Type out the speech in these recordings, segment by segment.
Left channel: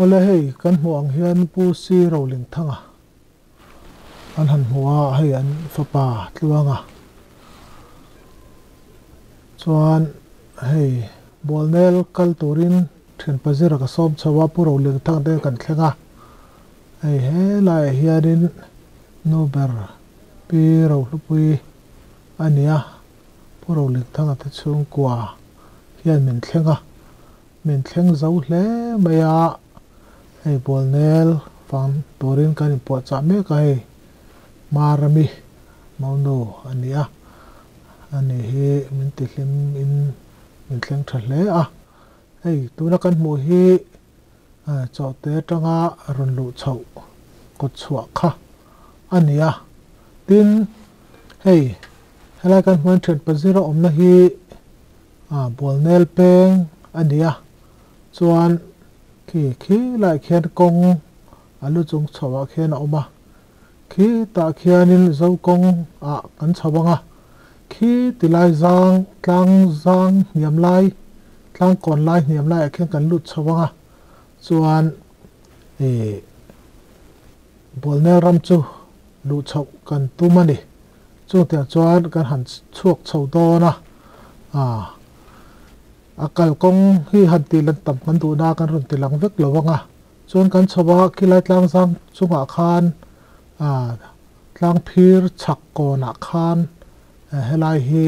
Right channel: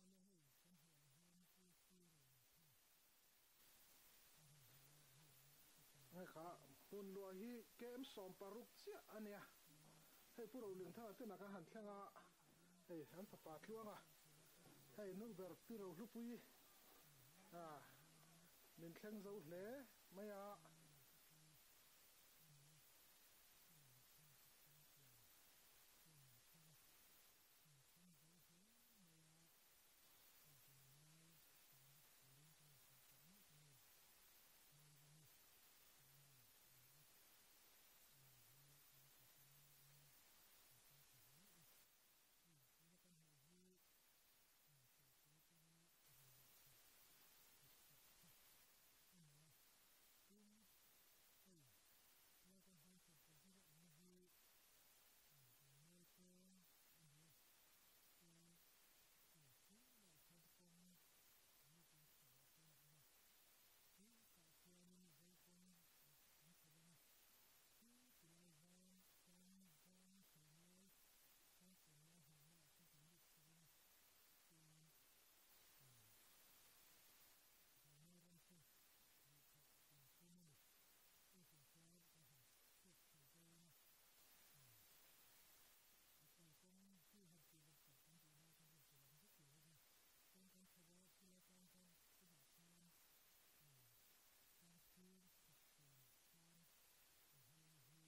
ole hei kan muang hian pu si rolling thanga an han huwa hei an fapa tluanga chuan hei bolnel kal turin thin pazira ka som chawa pu rolling thang te kan thlenga hei he lai hianin nober pi ro lupui ania pu rolling thanga te chung kwa hian min thlenga min thleng zo hle maya hei bolnel fang turin kan po cha me ka hei marami mauno ania ani hi min ti hlim in min thleng tha hle a hei tuna kan mu hi chote tanga ron lu chho ko chhuwa kha ania tin hei helai kan hman thet pazira omna hi bolnel peng ania chuan khi lai khian kong alu chung chawa khian oma khi ta khianin zo kong a kan chawanga khi tilai zang tlang zang niam lai tlang kon lai niam lai khian kan lut chawanga chuan bolnel ram chu lu chau kan tumani chu tia chuan kan han chuak chho dona akal kong hi han ti lan tam kan du na kan run ti lang vek lowanga chuan kan chawa khilai tlang zang chunga khan tlang phir chak kona khan helai hi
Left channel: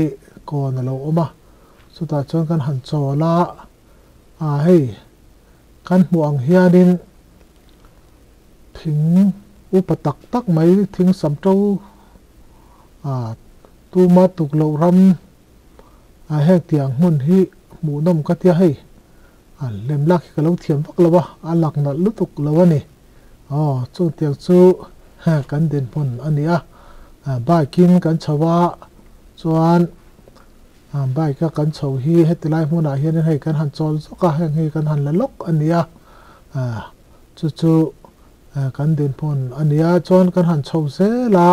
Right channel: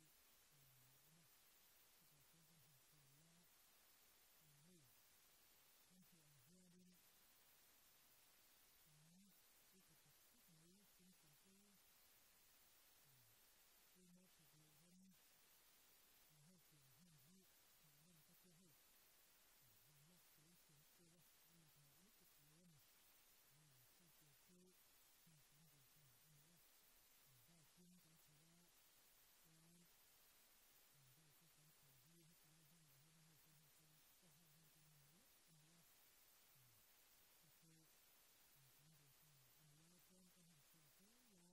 kon lo oma chuta chuan kan han chola hei kan muang hianin thing upatak tak mai thing samto tuma tuklo ram hek tiang mun hi mu nom ka tia hei lem lak ka lo thiam vak lawa alak na lutuk lawani chu tiang chu kan den pon ania biking kan chawa chuan bike ka kan chho hi hetilai hmuna hian hei kan han chol zoka heng hi kan han lalok ania chu kan den pon ania chuan kan han chho se la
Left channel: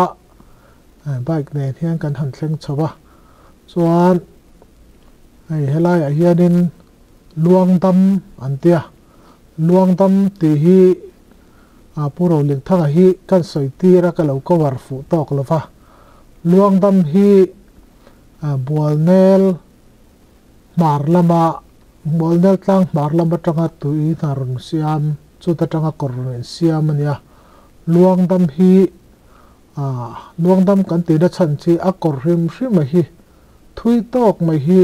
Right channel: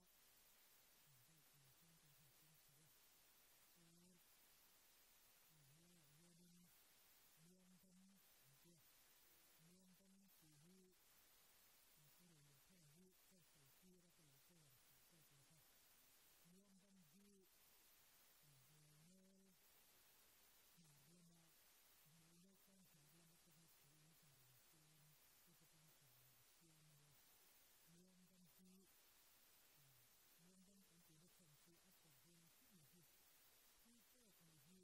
bike ne hian kan han thleng chawa chuan hei helai a hianin luangdam antia luangdam ti hi puro ling thanga hi kan soitira ka lo ko war fu tok lova luangdam hi bolnel marlama bolnel tlang marlama tanga tui narun siam chu ta tanga korun siam ania luangdam hi luangdam kan ti da chan chi a kor rim ma hi thui tok mai hi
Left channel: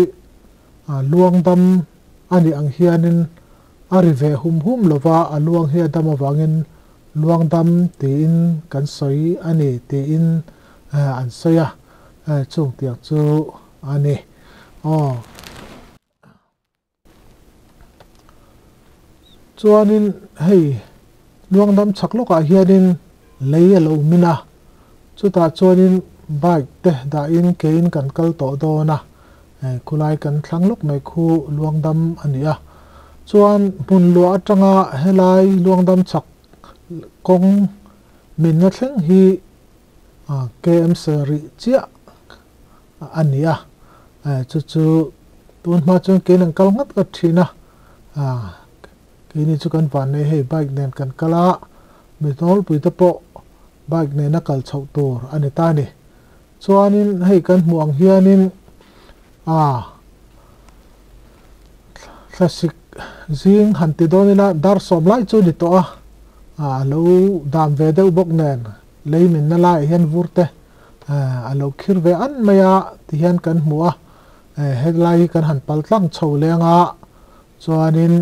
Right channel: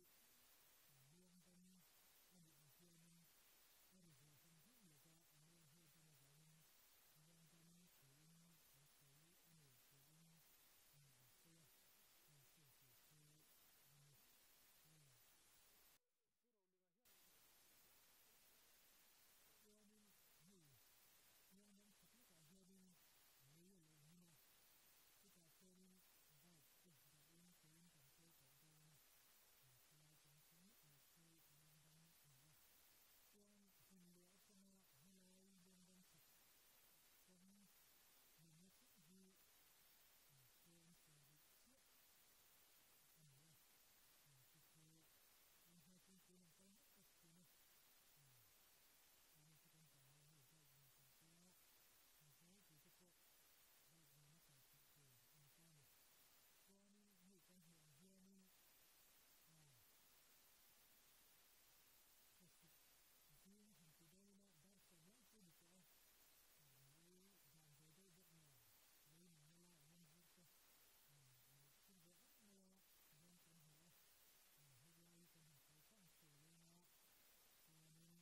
luangdam ani ang hianin arive hum lova luang hi dam awangin luangdam tin kan soi ani tin an soya chung tiang chu ani chuanin hei luangdam chakloka hianin lei lo mina chuta chuanin bike te da in kein kan kal to dona kulai kan thlanglok mai khu luangdam ania chuan mun lo atanga helai luangdam chak kong min na thleng hi KM seri chia ania chu tun ma chuan ke nang kal ngat ka thina ke ni chu kan van nei hei bike nen kan kala mi tol pui ta po bike ne na kal chho tur ani ta ni chuanin hei kan muang hianin classic zing hanti donina dar som lai chu ni to lo dam ve deuh bok nen leimin na lai hian vurte alo khir ve an maya ti hian kan hmua headline kan han paltlang chho lenga chuanin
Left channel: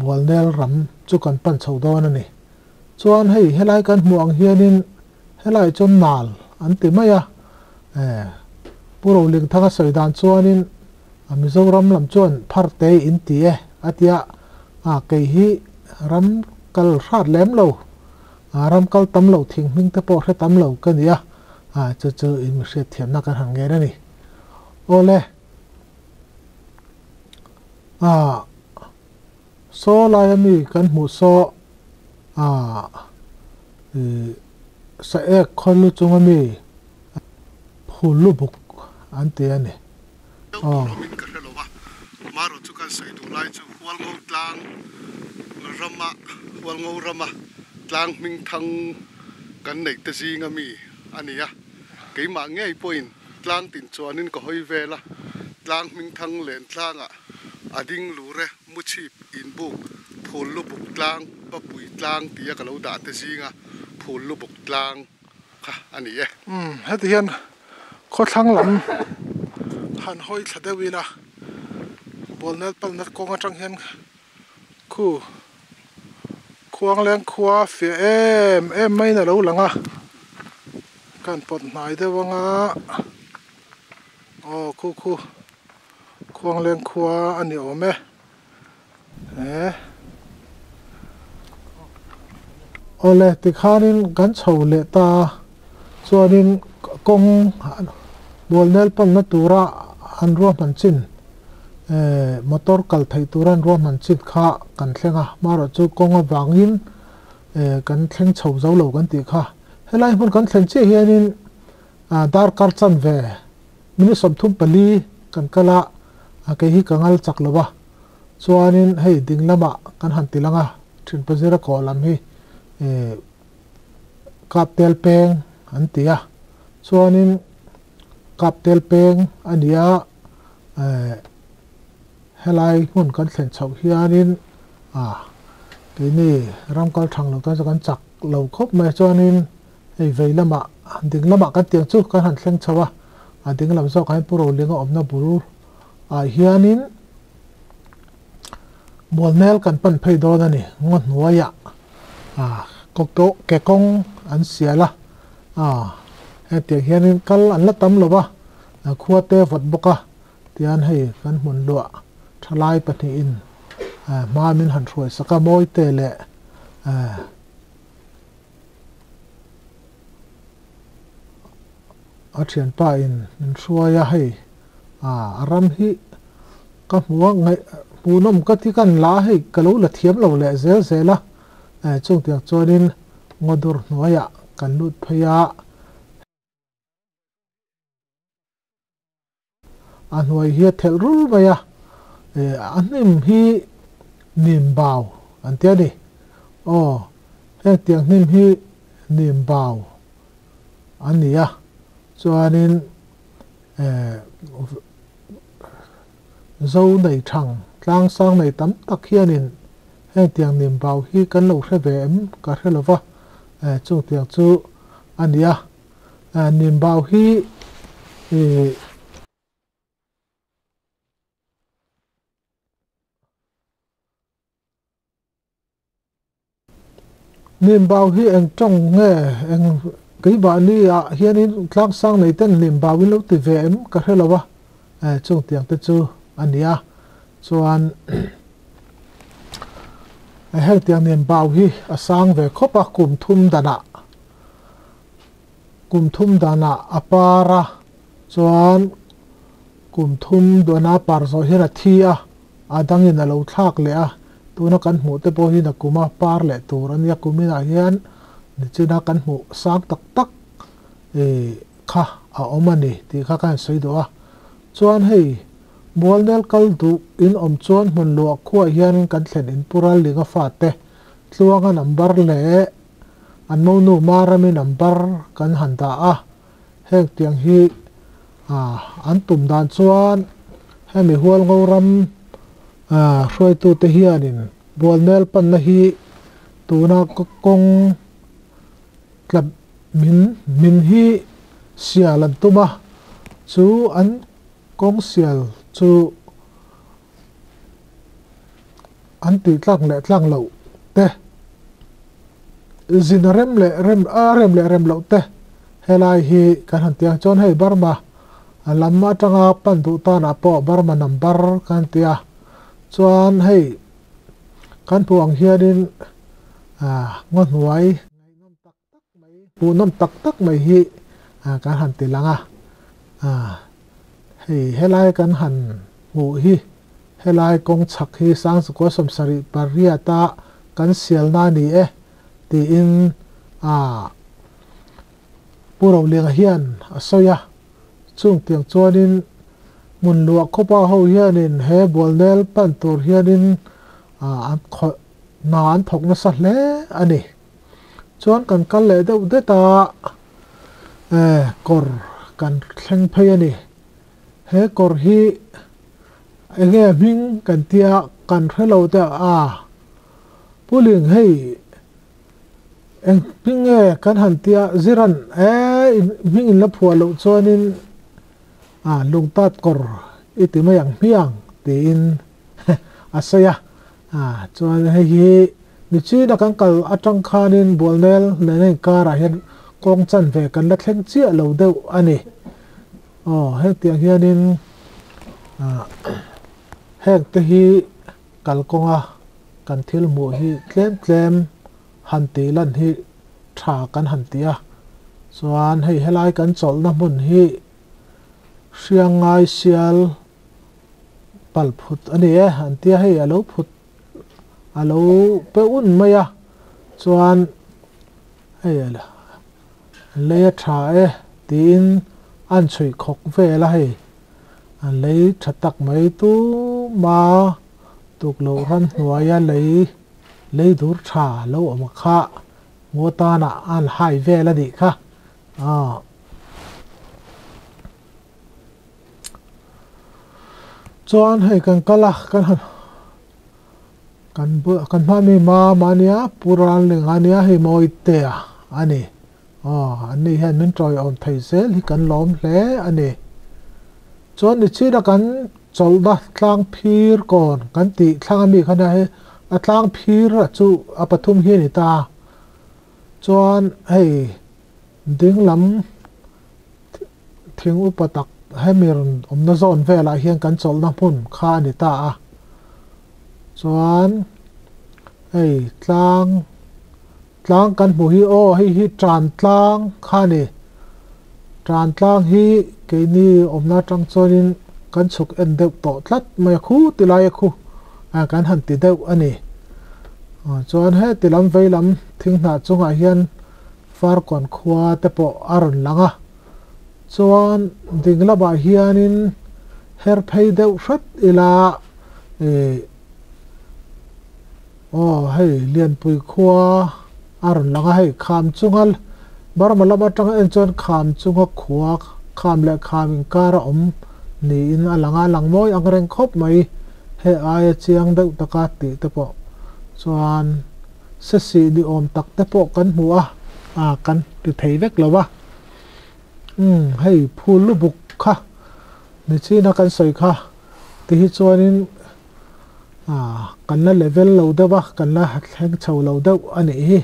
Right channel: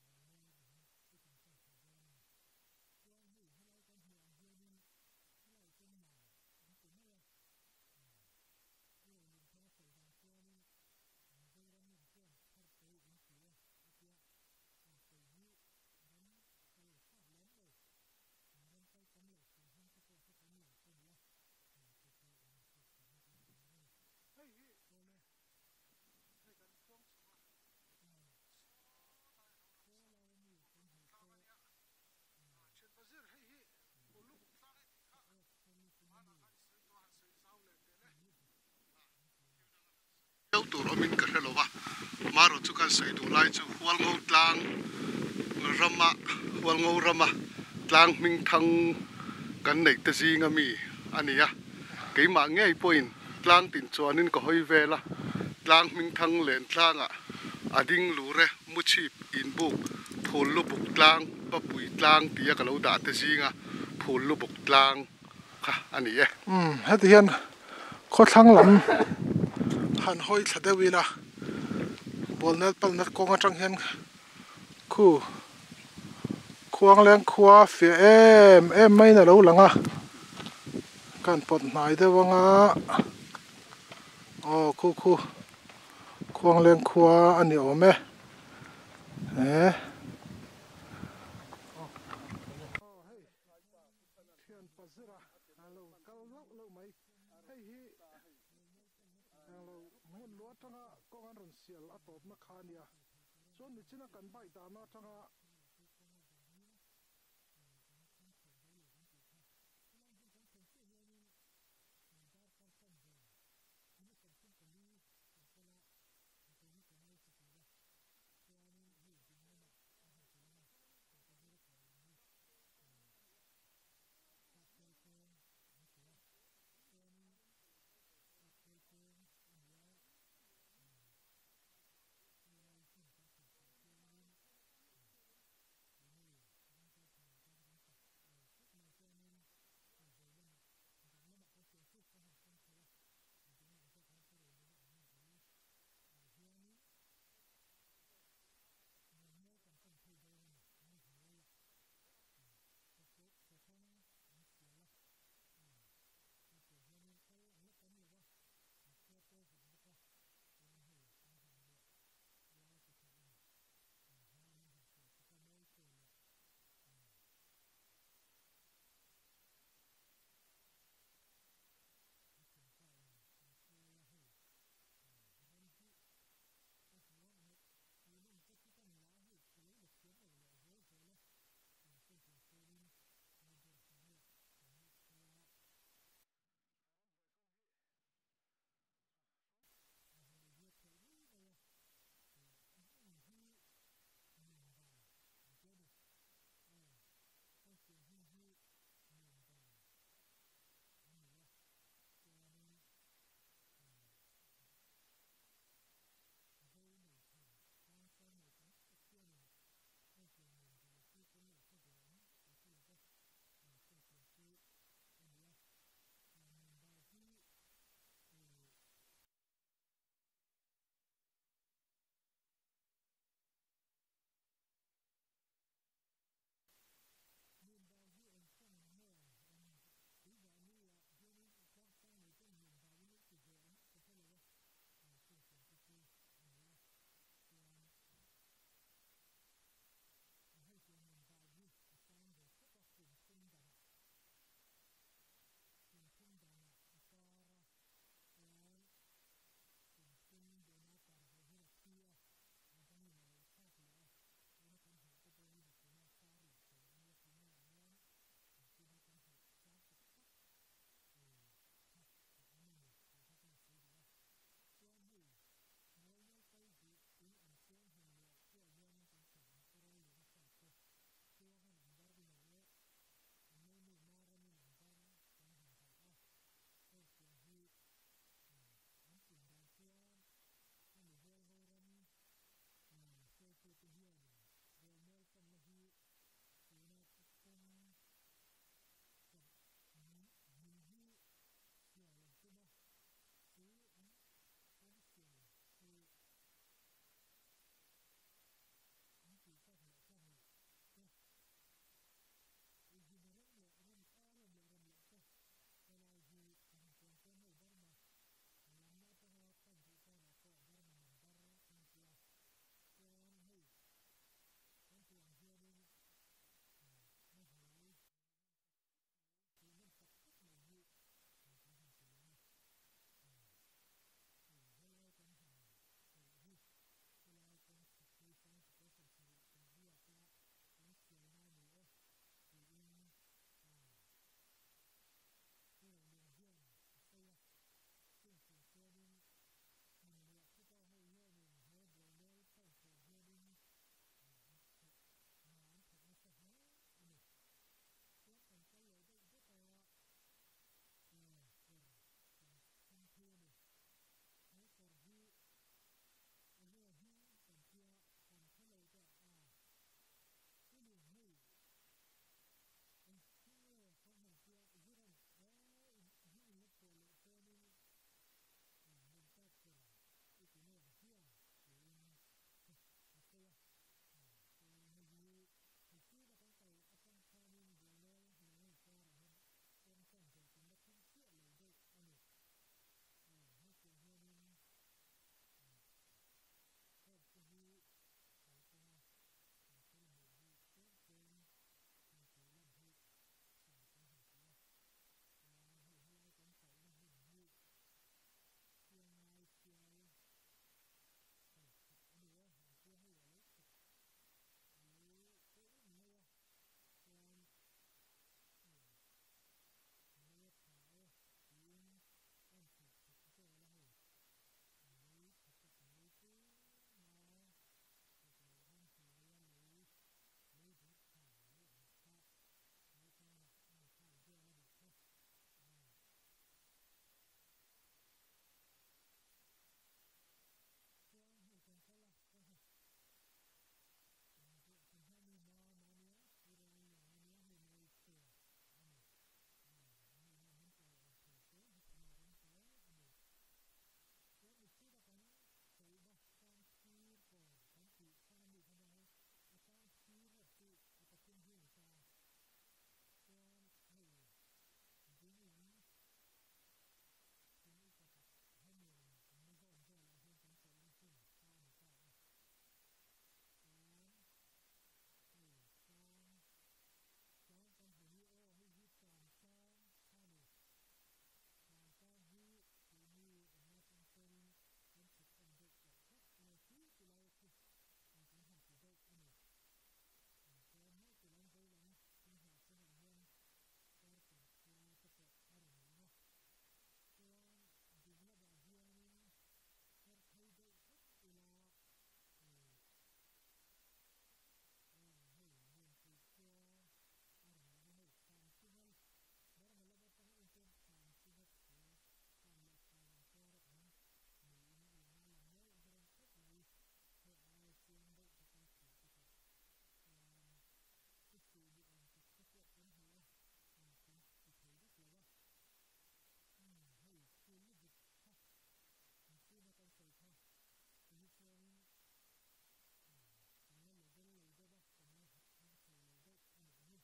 bolnel ram chu kan pan chho don ani chuan hei helai kan hmuang hianin helai chon nal an ti maya puro ling thanga soidan chuanin mizoram lam chuan pharte in ti atia ke hi ram kal hrat lem lo ram kal tam lo thing ming te po hre tam lo kania chu in mi hre thiam na kan hang nge ni ole so lai mi kan hmu so sa ek kholu chunga mi phulu buk ante ani min ka helova maro chu kan sai du lai chu wal ho tlang rama wal ngau rama tlang ming thang kan nei te zinga mi ania keima ngei point tlang tin chuanin ko hoi vela tlang ming thang len tlanga ading lure muchi in buk phul lu buk tlang papui tlang tia ka lo da te zinga phul lu buk tlang kha ania heti hian kho thlang lam han hoi thadewila bolnel palnat konga tang hian khu khuang leng khua fe em mai na lo langa kan pot nai de wanga khu khuang leng khua ani ome ole ti khanin kan chho le ta chuanin kong bolnel palnat tura an ro man chin motor kal thei turan ro man chit kha kan thlenga maro chu konga wangin kan thleng chho zo lo kan ti kha helai mun kan thlen che hianin dar kar chan ve mini som thum pali kan kala ke hi kangal chak lowa chuanin hei dinglama kan han tilanga thin pazira ko lam hi kap tel peng an tia chuanin kap tel peng ania helai mun kan thlen chho hianin cái này ram kal thang lo ta kan chak lo khop mai chuanin ei veilama ding lama kan tiang chu kan han thleng chawa ding lam zo kai puro lenga omna buru hianin bolnel kan pan phei do na ni ngon nuaya kok to ke kong an siala he ti hianin kal an la tam lo ba khuate vot boka tian hei kan mun lo thalai pati in ma min han throi saka moi te le a thian pa in thruaya hei aram hi ka hmuwa ngai punom ka ti kan la hei kalo la thiam lo le zel zela chung tiang chuanin ngodur hnuaya kan lut phaya hnuai hi thel rul maya anim hi nim baw an tia ni heng tiang nim hi nim baw ania chuanin zo nei thang tlang sang nei tam tak hianin heng tiang nim baw hi kan lo hre ve em ka hre lova chung tiang chu ania nim baw hi nim baw hi eng trong nge eng cái bà ni hianin tlang sang nei ten nim baw in lo ti ve em ka hre lova chung tiang te chu ania chuan heng tiang nim baw hi a sang ve khopa kum thum dana apara chuan kum thum dona par zo hi na thia adangin a lo thlak le tuna kan hmu te pawh hi na kuma par le tur an ya kumina hian ni china kan hmu sang tak tak kha a omani ti kha kan sei do chuan hei bolnel kal du in om chuan hmun lo khuwa hian kan thlen in pural linga fa te tluanga number le an mo nu marami number kan handa heng tiang hi an tum dan chuan hemi hual ngoram hroi tu te hianin bolnel pan na hi tuna kong tlap min hi sial an tuma chu an kong sial chu an ti tlang lo te zin rem le lo te helai hi kan han tiang chon hei barma lamma tanga pan du ta na po barma number kan tia chuan hei kan puang hianin ngon huai punom tak tak mai hi kan han ti langa hei helai kan han ngu hi helai kong chak hi sang su ko som sari paria ta kan sial na ni ti in puro lenga hian asoya chung tiang chuanin mun luak khopa ho hianin he bolnel pan tur hianin นานถกนะสัตเลอันนี้ชวนกันกันเลยเดี๋ยวเดี๋ยวตากอร์กันแข่งเพย์นี่เฮกอร์ฮีเงี้ยมิงกันเตียกันให้เราเตียผู้เลี้ยงให้เองพิงกันหันเตียจิรันมิงอินละผัวเราชวนินลุงตัดกอร์อิติมาอย่างเพียงตีนอาศัยชวนให้นิชีนักกันกัลอัจังคานินบัวเนลเลนการะเห็นกองจันเวกันละแข่งเจี๊ยเราเดียวอันนี้ให้เตียงเฮียนินแหกตะฮีกัลกงกันทิลมูฮีเคลมหันตีลันฮีชากันหันตีส่วนให้ไล่กันจอลน้ำมันฮีเชียงไงเชียลปัลพุดอันนี้หันตีให้อโลพุดอโลเปอุ่นไหมส่วนให้เลยชาตีนอันช่วยขกเวลาให้เลยชัดตักไม่ตู้มาตุกโลรันหัวยเลยดูชาโลออกมาค่ะงัวตาหน้าอันหายเวลาดิค่ะจวนให้กันกะละกันเบื่อกันมามีมาเนี้ยปุราณหนึ่งอันเนี้ยให้มอยเตะอันนี้อันนี้เห็นนั่นจอยออนไทยเซลที่กันล้อมเละอันนี้จวนนี่ชีดกันจอลดาทางพีร์ก่อนกันติทางมีขนาดให้ทางพีร์จู่ปฐุมเฮียนิตาจวนให้ดึงลำทิ้งอุปตักให้มีรนซอนเวลาเฮียงกันจอลน้ำพุ่นข้านิตาจวนให้ทางกันผู้ฮีให้ฮิจานทางข้านี่จานทางฮีเกนี่นาจังจนินกันสุกเอ็นเดวต่อทัดไม่คู่ติลายคู่กันหันติเดวอันนี้จวนให้ติลำไว้ลำทิ้งหน้าจงอาเฮียนฟาร์ก่อนขวาแต่ปออารอนหลังจวนดิ่งละบาเฮียนินเฮร์เพย์เดวชัดอีลาให้เลียนปุยขวาอารอนหลังให้ขามจุงฮัลบาร์มาละมาจังเอ็นจวนขามจุงขวาขามและขามอินการะนี่อินอลังมอยอังเรงคบไหมให้อายเชียงเดวตะกาติแต่ปอส่วนเสสีดิอมตักแต่ปอกันหัวกันติดเทเวกแล้ววะให้พูดลูกบุกค่ะนี่ชีนักกันใส่ค่ะที่ฮิจวนินกันละเลเวลเราเดวะกันละหัดแข่งเฉาเราเดวอันนี้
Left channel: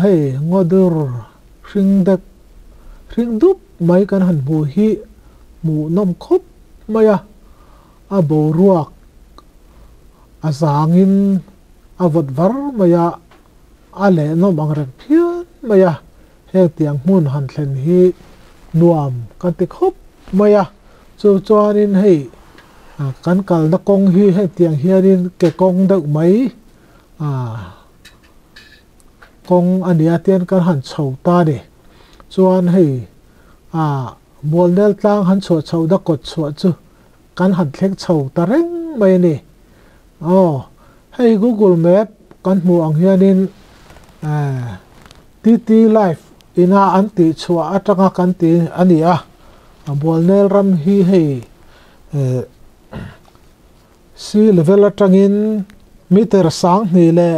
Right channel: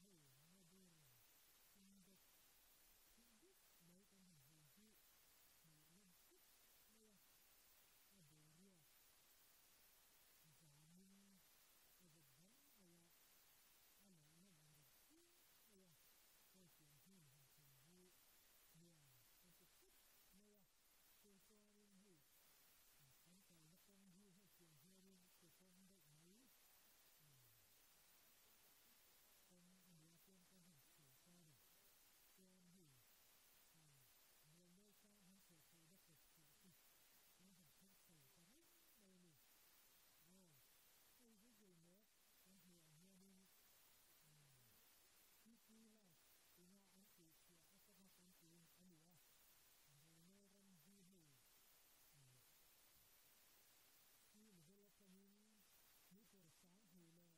ให้งอดูริงเด็กริงดุบไม่กันหันบูฮีหมูนมคบไม่บรวกสางินวัดวาร์ไม่เล่นมอังเริกเพี้ยนไม่เฮตียงมุนหันเซนฮีนวมกันติคบไม่จวนนินให้กันกัลนักกงฮีให้เตียงเฮียนินเกกงเด็กไหมกงอันนี้เตียนกันหันเฉาตาดิจวนให้บัวเนลตั้งหันชัวเฉาดักกดชัวจูกันหันเล็กเฉาตาเร่งไม่นี่ให้ Google Map กันหมู่อังเฮียนินTT Live อินาอันติชัวอัตรากันติอันนี้บัวเนลรำฮีให้ซีเลเวลจังอินมิเตอร์สังนี่แหละ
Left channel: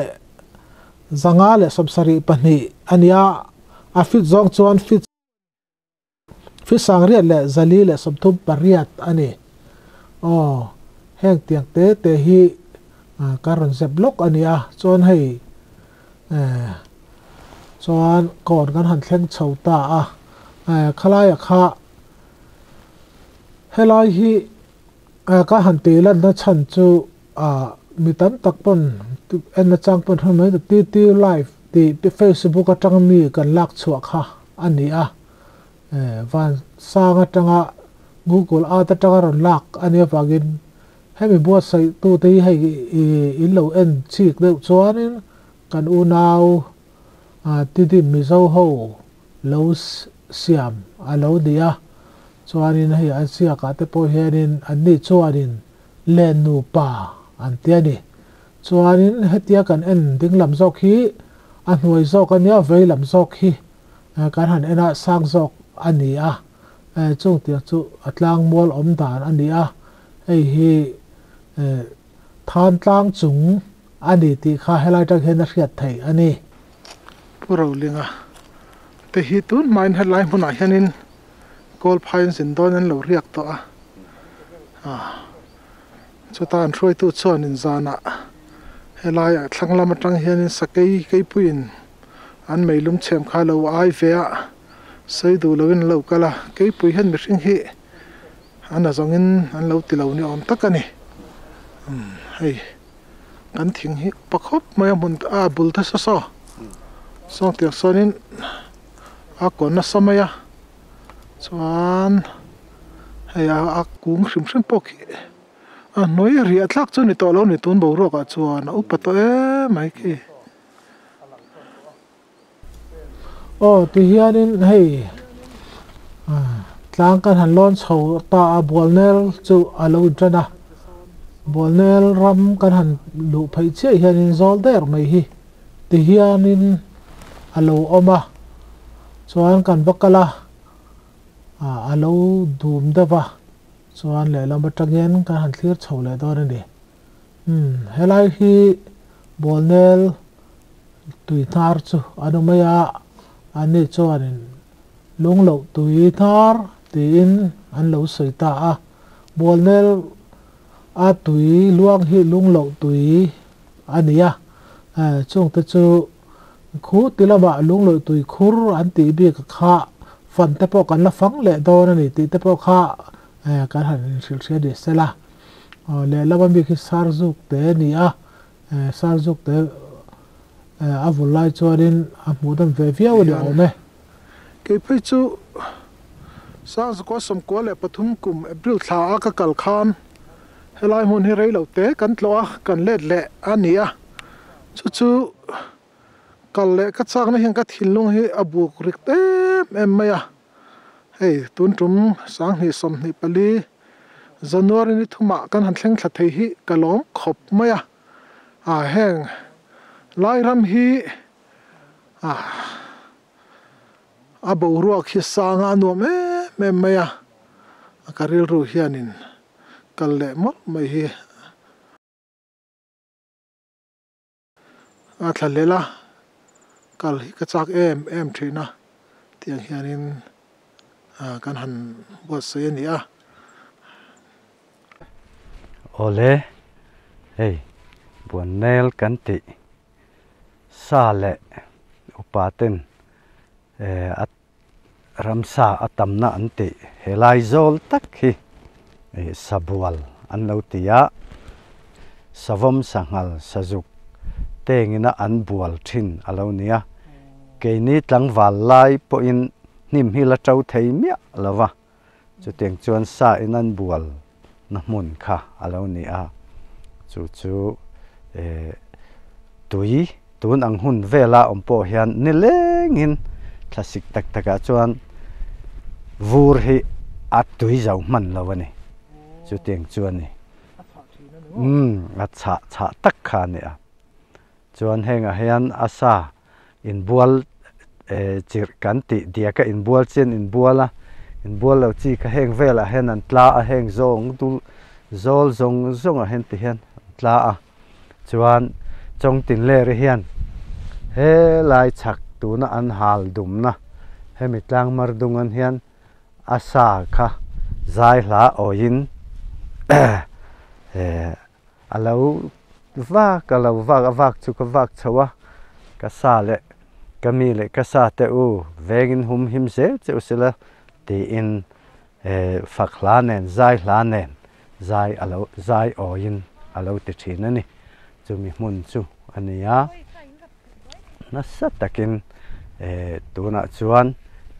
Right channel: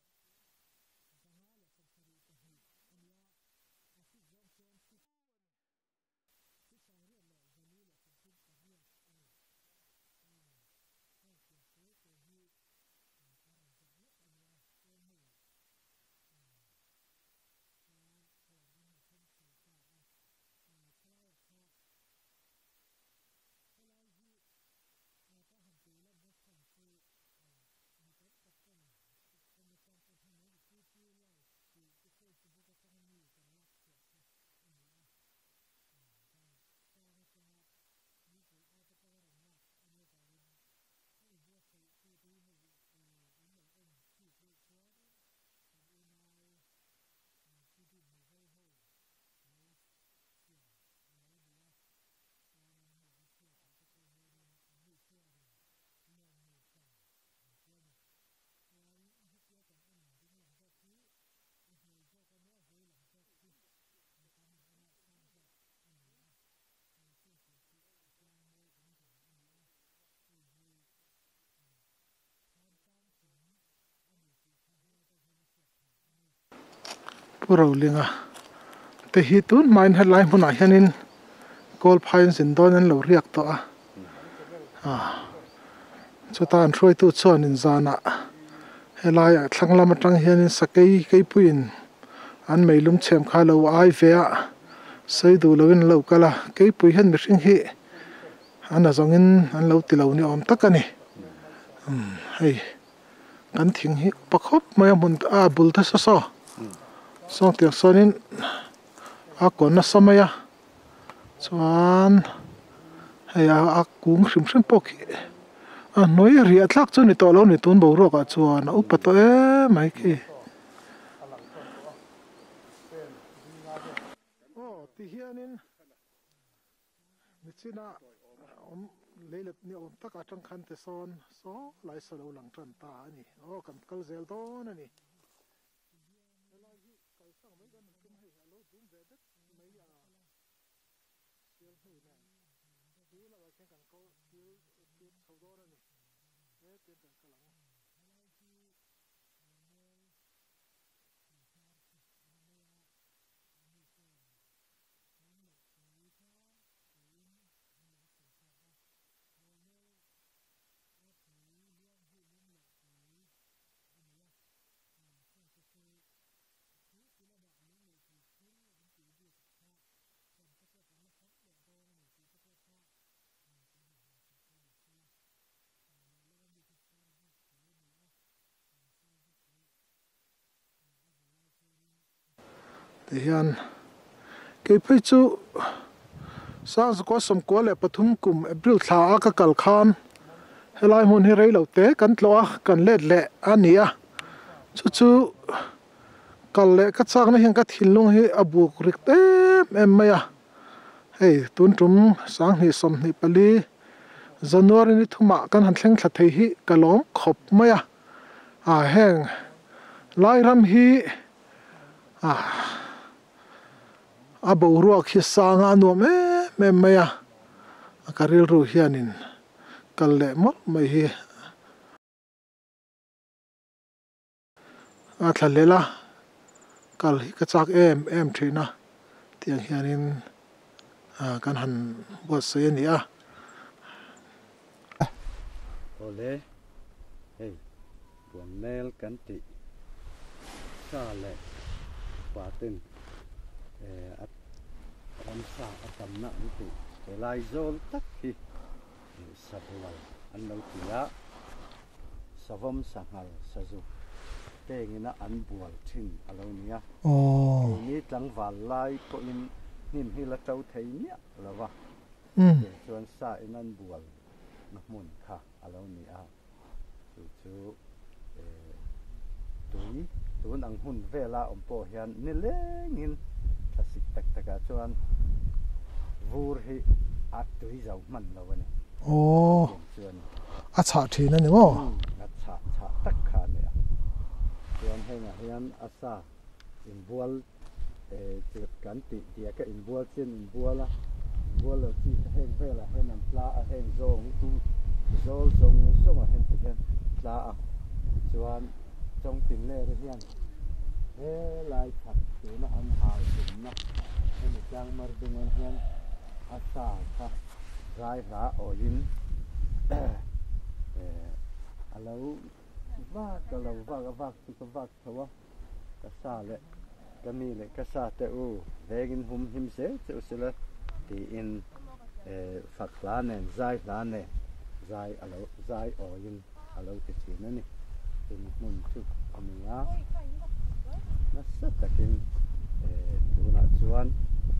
จังอาเลสมสรีปนี่อันนี้ฟิตจงจวนฟิตสังเรียดแหละจลีแหละสมทุบปริยัตอันนี้แห่งเตียงเตฮีการันเซบล็อกอันนี้จวนให้จวนก่อนกันหันแข่งเฉาตาขลายค่ะเฮลายฮีก็หันตีลันนัชันจูมีตั้งตักปนเอ็นจังปนทำไมตีไลฟ์ตีเฟซบุ๊กจังมีกันลักชัวค่ะอันนี้วันสร้างจังGoogle แต่จังรันลักอันนี้ฝากินให้มีบวชใส่ตัวที่ให้อินเหลวเอ็นชีกเดือดชัวนี่กันอูนาวที่มีเจ้าหูเหลวเสียมเหลวเดียชัวนี่ให้อันเสียกัดแต่พอเห็นอันนี้ชัวนี่เล่นนูป่าอันเตียนี่ช chuanin hetia kan en ding lam zawk hi a hnuai zawk ania vei lam zawk hi kan han ena sang zawk ani a chung tiang chu atlang mol om dan ani a hei hi than tlang chung ani ti kha helai tak hen a hriat thei ani puro linga te hi tun main headline huna hianin gold finds in don an lo riak to a chutan throi tu chuan in zana helai thanglam atang hianin sakei keipuin an meilum chem kha lo ai ve a sei du lovin lo kala keipui hen mi hring hi ana zongin an lo ti lo ni om takani hei kan thing hi pakhop mai mun a bul ta so so tiak sonin a kon na samaya chuan hei a kung hrim hrim pok hi noi ri atlak chu ni to lo ni tun bo ro ka chuan upato e mai ki ti hianin hei tlang kan han lon chho ta a bolnel chu alo drana bolnel ram kan han lu phei che hianin zol der mai hi ti hianin alo oma chuan kan bakala alo dum dawa chuan le lam atangyen kan han thlir chho le dor ani helai hi bolnel tui thar chu anumaya ani chuanin lunglo tui thar tin an lo soita a bolnel a tui luang hi lunglo tui ania chung te chu khu tilama lunglo tui khur an ti bi ka kha fan te po kan la fang le dor ani ti te po kha kan han sil sia de sela le lama bi ki sarzuk te ni a sarzuk te a vulai chuanin a hmudan ve viau le ne ke phei chu sang ko som ko le pathum kum april thla a ka kal khan helai mun hi rei lo te kan tloa kan let le ania chu kal le ka chak na hian ka thilung hi abuk rik te em maya hei tun tum sang ni som ni pali january ni thuma kan han thleng thla thei hi kalom khop maya heng lai ram hi a bo ruak hi sanga nuam me maya akaril ru hianin kal le mot mai hi a thalela kal hi ka chak em thina tiang hianin kan han bo se ni a ole hey bonel kan ti sa le upaten at ramsa atamna anti helai zol tak hi sabual an lo tia savom sangal sajuk tengina an bual thin alo nia ke ni tlang wal lai po in nim hi la trau thei mia lawa chu teng chuan sa in an bual na mun kha alo nia chu tui tun ang hun vela ompo hian ni lengin classic tak taka chuan vur hi at tui zau man lawani chu teng chuan ni a cha thina ni mo a cha tak kha ni a chuan henga hian asa in bual chir kan ti dia ka in bual chen in buala in bual lo chi ka heng vela hen an tla a heng zong tu zol zong a hen ti hian tla a chuan chong tin le ri hian he lai chak tu na an hal dum na he mi tlang mar dung an hian asa kha zai hla oin alo vak chu ka vak chawa ka sa le kami le ka sa te u vegin hum him se chu sila ti in fakhla nen zai hla nen zai alo zai oin alo ti thina ni chu mi mun chu ania na sa takin tuna chuan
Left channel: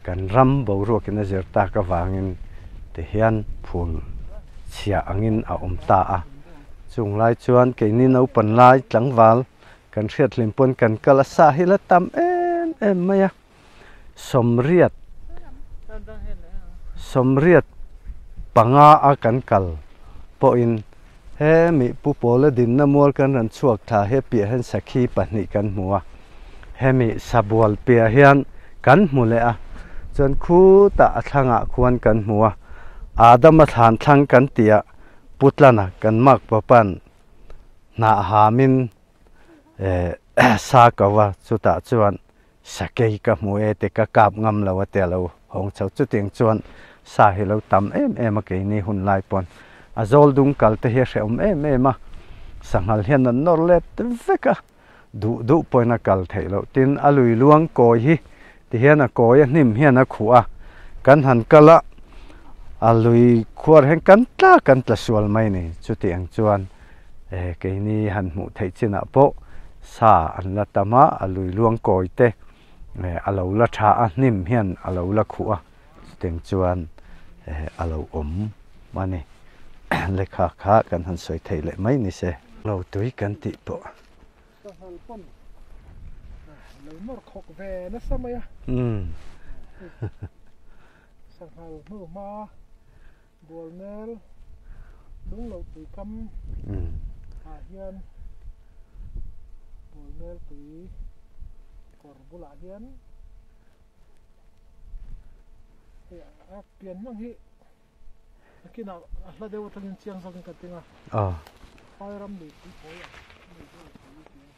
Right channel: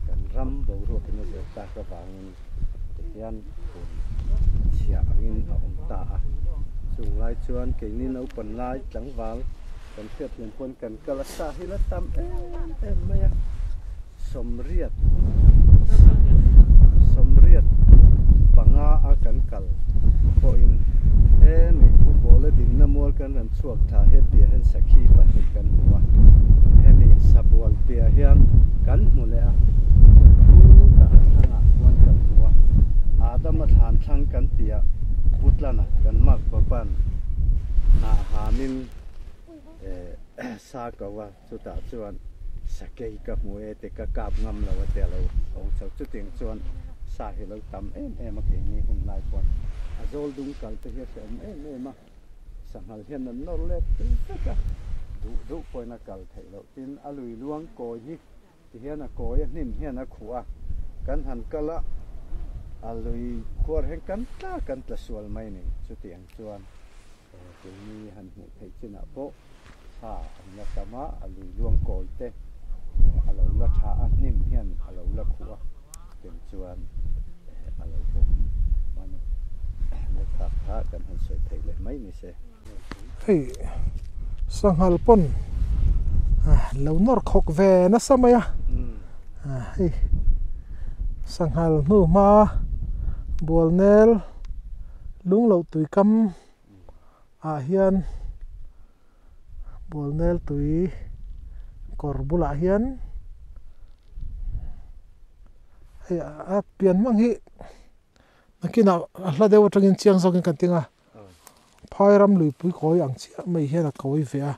kan ram bo ro kin zerta ka wangin te hian phul chia angin a omta a chung lai chuan ke ni no pan lai tlangwal kan hriat limpon kan kala sa hila tam em maya somriat panga a kan kal po in he mi pu pole din na mol kan ran chuak tha he pia hen sakhi pahni kan hmuwa he mi sabual pia hian kan hmu le a chuan khu ta thlanga khuan kan hmuwa adama than thlang kan tia putlana kan mak papan na hamin sa kawa chuta chuan sakei ka hmu e te ka kap ngam lawa te lo hong chau chu ting chuan sa hi lo tam em ke ni hun lai pon azol dung kal te he hreum em a sanghal hian an nor let veka du poina kal thei lo tin alui luang koi hi ti hian a koi a hnim hian a khu a kan han kala alui khuar hen kan tla sual mai ni chu tiang chuan ke ni han mu thei china po sa an la tama alui luang koi te alo la tha a hnim hian alo la khu a tiang chuan alo om mani lekha kha kan han soi thei le mai ni se lo tui kan ti po sanghal pon lo nor khok ve na samaya sanghal nu ma bolnel lung lo tui kam a hian bolnel tui korbula hian a pian mang hi akina hla dewa tangin chiang zokin katinga phai ram lui pui khoi ang chi mai hian a koi ve a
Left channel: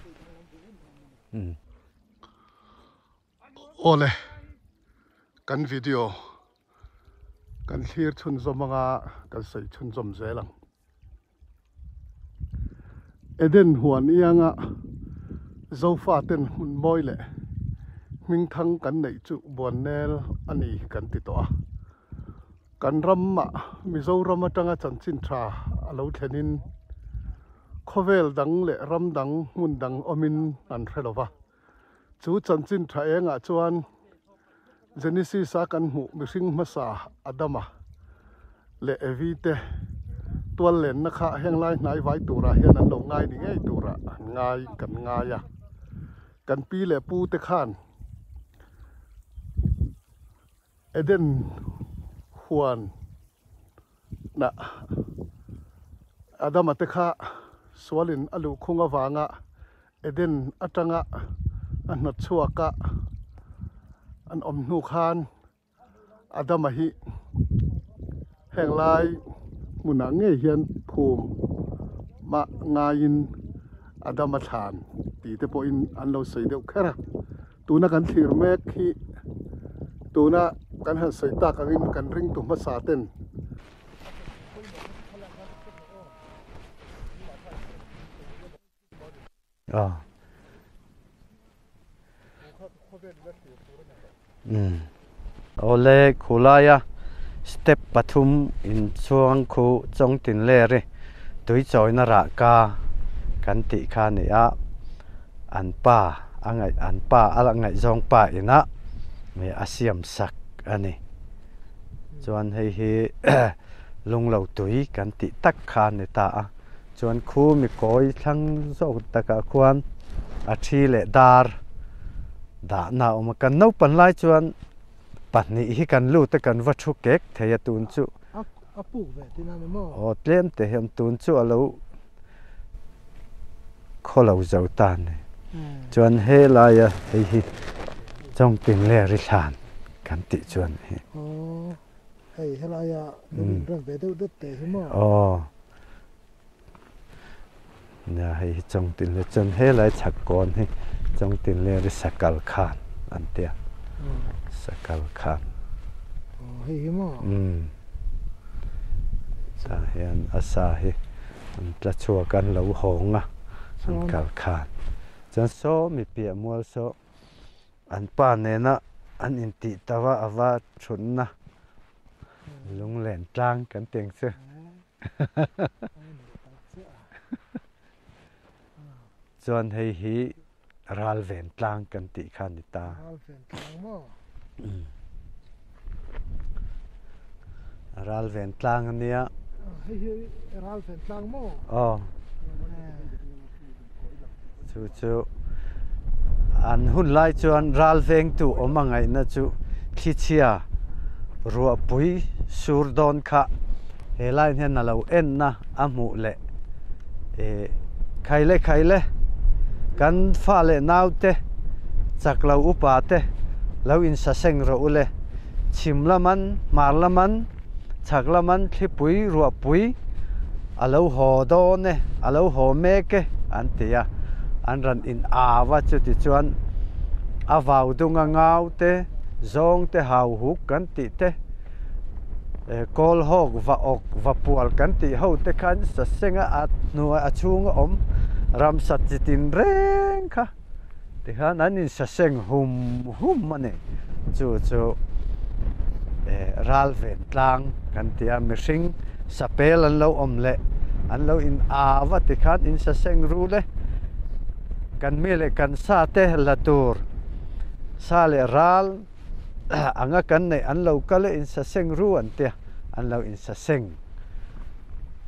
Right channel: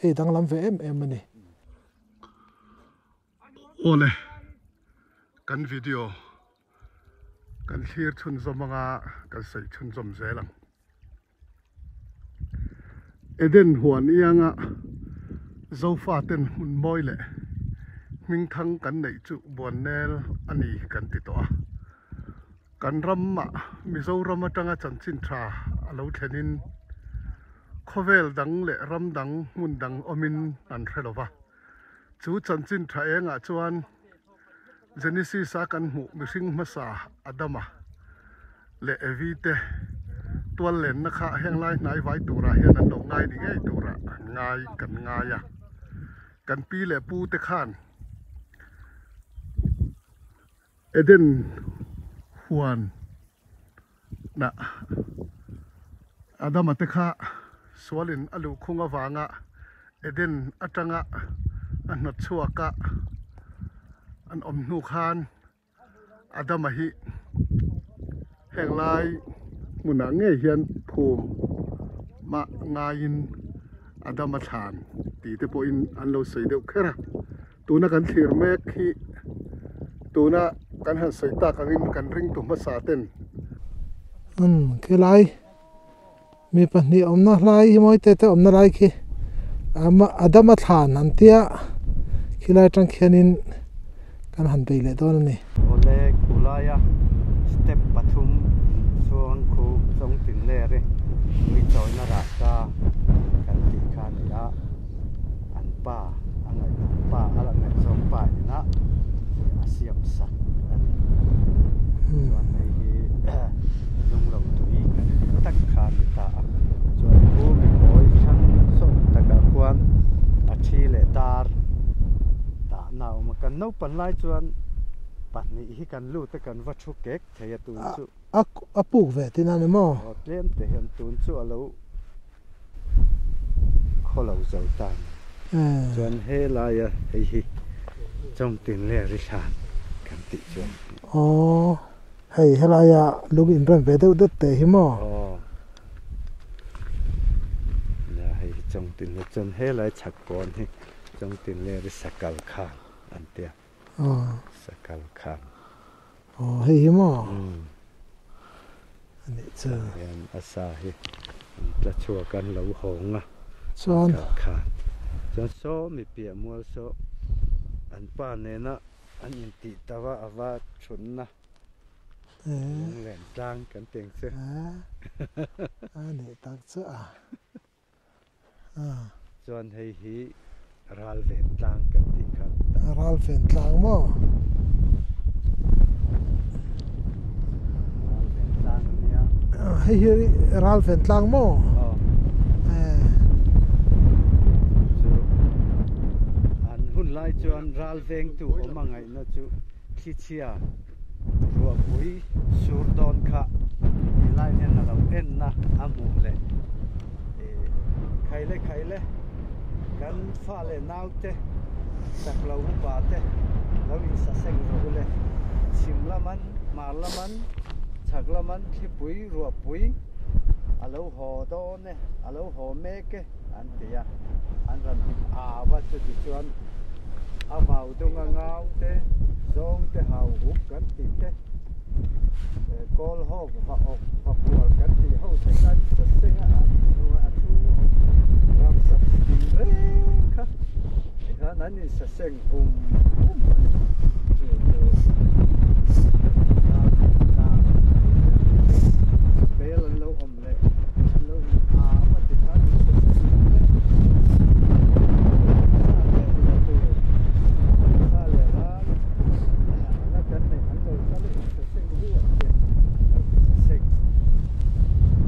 he dang lam ve em ani ole kan video kan thlir chun zomanga kan sei chun zom zelang eden huan ianga zofa ten hun moile ming thang kan nei chu bonel ani kan ti to a kan ramma mizoram atanga chanchin tha alo thlenin khovel dang le ram dang mun dang omin an threlowa chu chanchin tha enga chuan genesis a kan mu mihring masa adama le evite tual len na kha henglai hnai vai tura hian an lo ngai ni ngei tura ngai kan ngaia kan pi le pu te khan eden huan na adama te kha swalin alu khunga wanga eden atanga an not chuaka an om nu khan adama hi henglai muna nge hian phum ma ngain adama than ti te po in an lo sei deuh khera tuna kan thlir mek hi tuna kan han sei ta kangin kan ring tu ma sa ten khilai mi pahni omna lai moi te omna lai khi ama adama than antia khilai tang khianin kan han tei le don ni ole khulaya step pathum in chuang khu chong tin le re tui choi na ra ka kan ti kha ne a an pa angai an pa ala ngai zong pa ina me asiam sak ani chuan hei hi lung lo tui kan ti tak kha ne ta chuan khu mi koi thang so taka khuan a thi le tar da na ma kan no pan lai chuan pahni hi kan lu te kan va thu kek theya tun chu a puk ve tin an mo o tlem te hem tun chu alo kholo zau tan chuan he la ya hi chong tin le ri than kan ti chuan o hei hela ya lug in ran ve deuh det te hi mo o na hei chong tin le chuan he lai chak kon hi chong tin le ri sakal khan an tia sakal khan hei hi mo hian asa hi tla chua kan lo honga sakal khan chuan so mi pia mual so an pa ne na an in ti tawa awa thunna lung len tlang kan teng se ani tak cha chuan hei hi ral ven tlang kan ti khan ni ta ral ven tlang mo ral ven tlang ania hei hi ral ven tlang mo chu an hun lai chuan ral veng tu omangai na chu khi chia ruwa pui sur don kha he lai hen na lo en na amu le khai le kan fa le nau te sak lo upa te lo in sa seng ro ule chim la man mar la man chak la man thipui ru pui alo ho do ne alo ho me ke an tia an ran in awa chu ti chuan a vào dunga ngau te zong te hau huk kan ti te kol hok va ok va pual kan ti ho te khan sa senga at nu a chunga om ram sat chitin reng kha ti khan an in sa seng hum mane chu ral ve tlang kan tia me sing sapel an lo om le an lo in awa ti khan in sa seng ru le kan mi le kan sa te la tur sa le ral anga kan nei an lo ka le in sa seng ru an te an lo in sa seng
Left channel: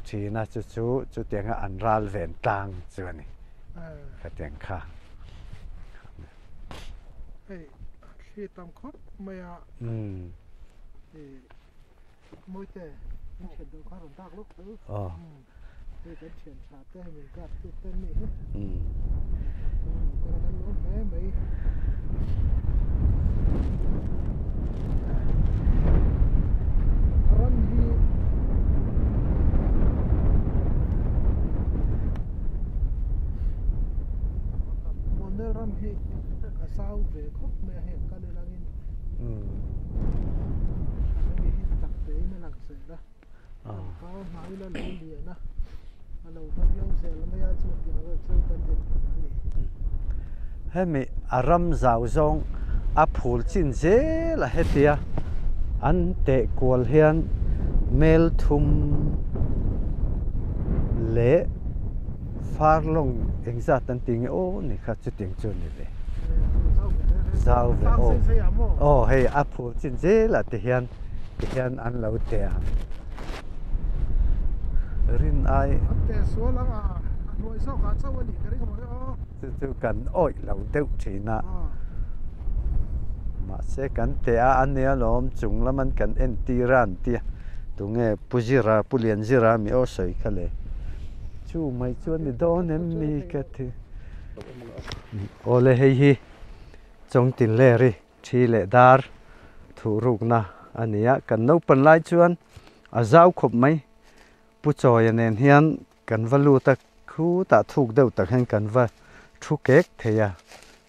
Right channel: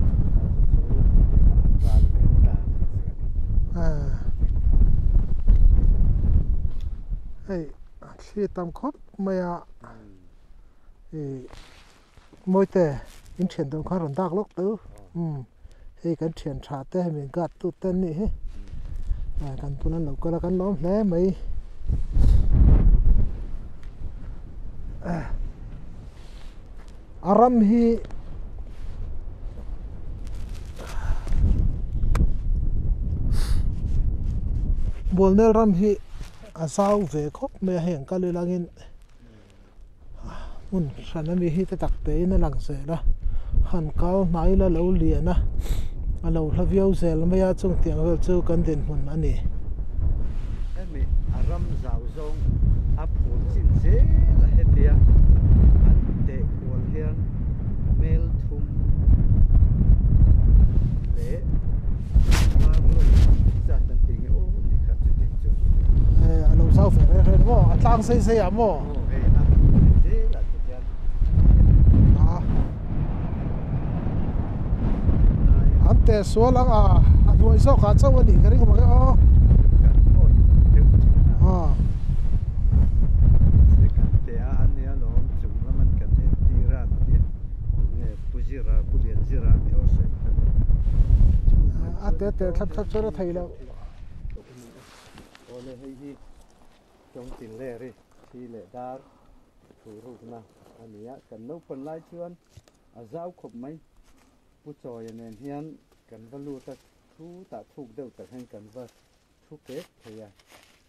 china chu tenga an ral ve tang chu ni ka teng kha hey khi tam khop maya moi te in chen dong kha ron dak lok tu hey kan chen tha te mi gat tu ten ni he kan punan lo ka kan lo le mai aram hi bolnel ram hi asau ve khop me heng ka le langin un sana mi hi te tak pe na lang se la han kau mai la lo lia na alo hlavio zel me ya chung tiang vel chu kan den hun ani he mi aram zau zong a phul chin je la hetia an te kol hian mel thum le farlong exact an ting o ni kha chu ting chun ni alo sau fe tang se amo hey a phul chin je la te hian an lo te rin ai an te so lang a duai so ka chaw ni ka ring ma tu kan oi lo teu thina se kan te a an ne lom chung laman kan en tiran tia tunge pujira pulian zira mi o soi khale chu mai chon do ne mi ka thi ole hei hi chong tin le ri thi le dar thu ruk na ania kan no pan lai chuan a zau khop mai pu choi nen hian kan valu ta khu ta thuk deuh tak hen kan va thu kek theya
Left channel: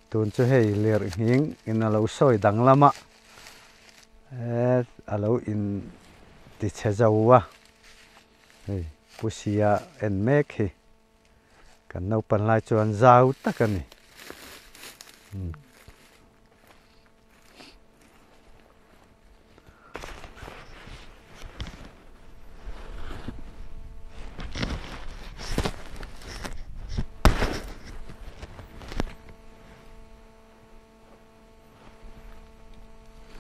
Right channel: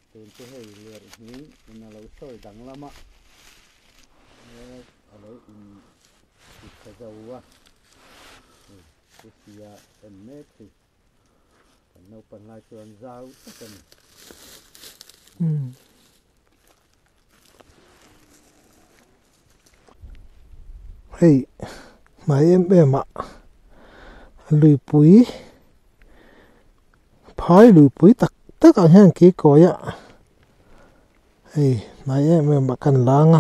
tun chu hei ler hing in alo soi dang lama alo in ti chezawa hei pusia en mek hi kan no pan lai chuan zau takani hey mai em ạ lùi pui thói lùi pui tất cả hàng kỹ cối ạ hey mai em mà cần lang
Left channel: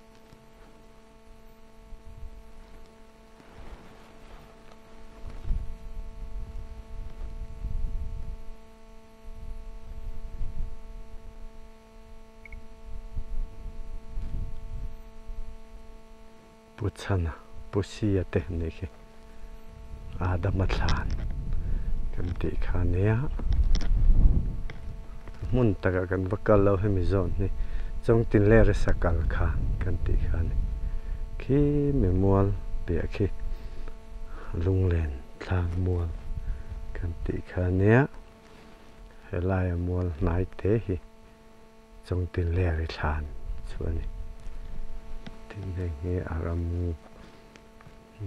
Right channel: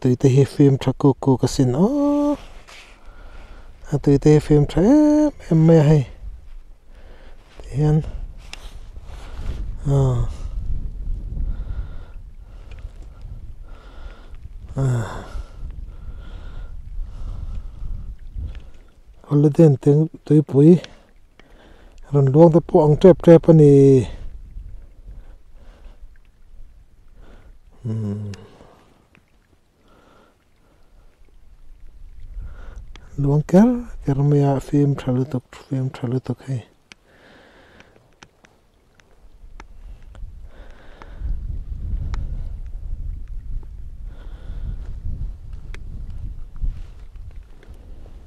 tụi tây phim tra cô cái xin tụi tây phim tra em mẹ hay hiền puchana pusia te ne ke holiday tiếng tụi pui ron luang te po ang trep ani mun taka kan bakal lo hemi zone ni chong tin le re sakal kha kan ti khan ki memual pe ki luang ker me film tralu to kai kan ti khan ne helai mual nai te hi chong tin le re than chuani tin le nge aram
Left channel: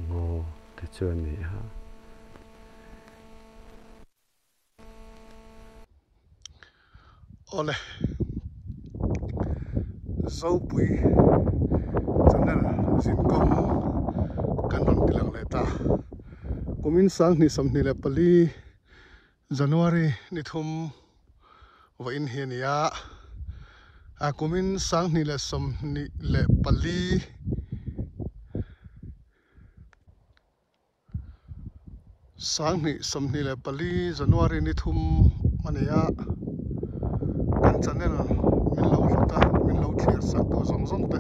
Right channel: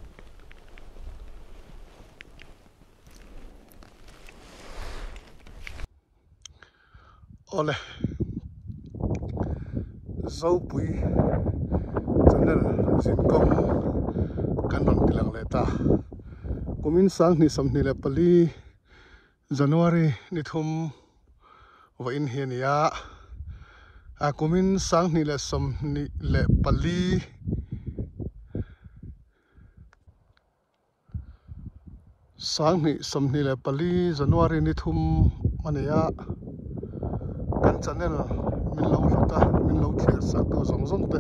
ngo te chuani ha ole zau pui chanel zin kom kan ram tilang le ta komin sang ni sam ni le pali January ni thum wa in hiania a komin sang ni le som ni le pali sang ni som ni le pali January ni thum mania kan channel min lo luta min lo thlir sak tu zong te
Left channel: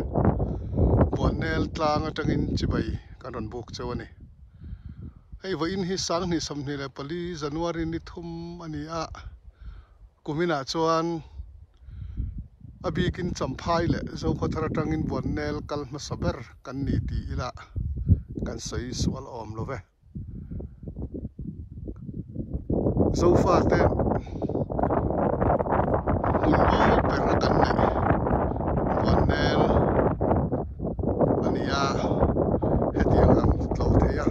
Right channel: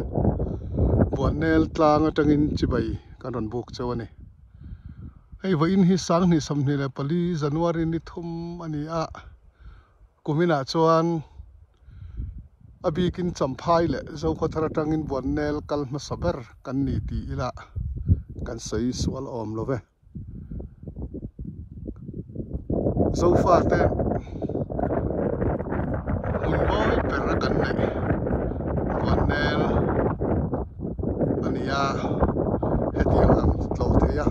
buồn nel tlang atangin chibai kan ron buk chawani hei vain hi sang ni samni le pali January ni thum ani a kumina chuan abikin champhai le zo khothara tangin buồn nel kal ma saber kan ni ti ila kan sei swal om love zo fa te mun boy perra kan ne buồn nel ania hetiang ang tlo te ya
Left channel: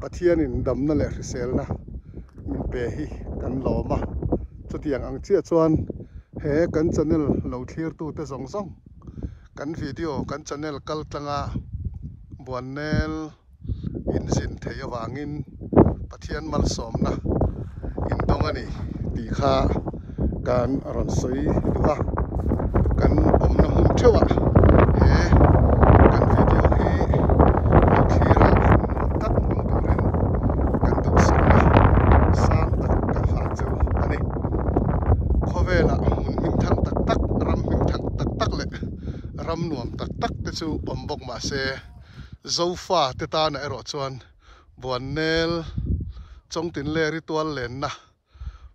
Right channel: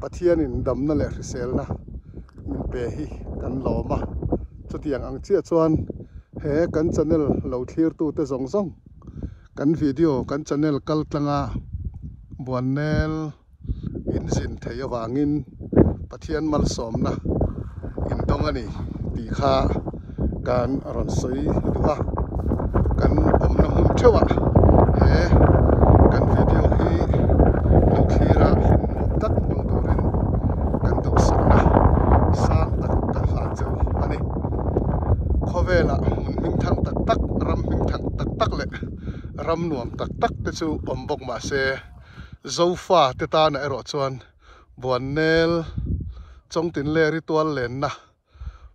pathian in dam na le sel na min pe hi kan loma chutiang ang chia chuan he kan channel lo thlir tu te zong zong kan video kan channel kal tlanga buồn nel in zin thei awangin pathian mal som na in tong ani ti kha kan ron soi duwa kan om na mun thewa he kan video hi thira tak no turin kan du sa tak kan ha chu ani khovela mun min thang tak tak ram min thang tak tak le ram nuam tak tak te chu om bok ma se zofa te ta na ero chuan buồn nel chong tin le ritual len na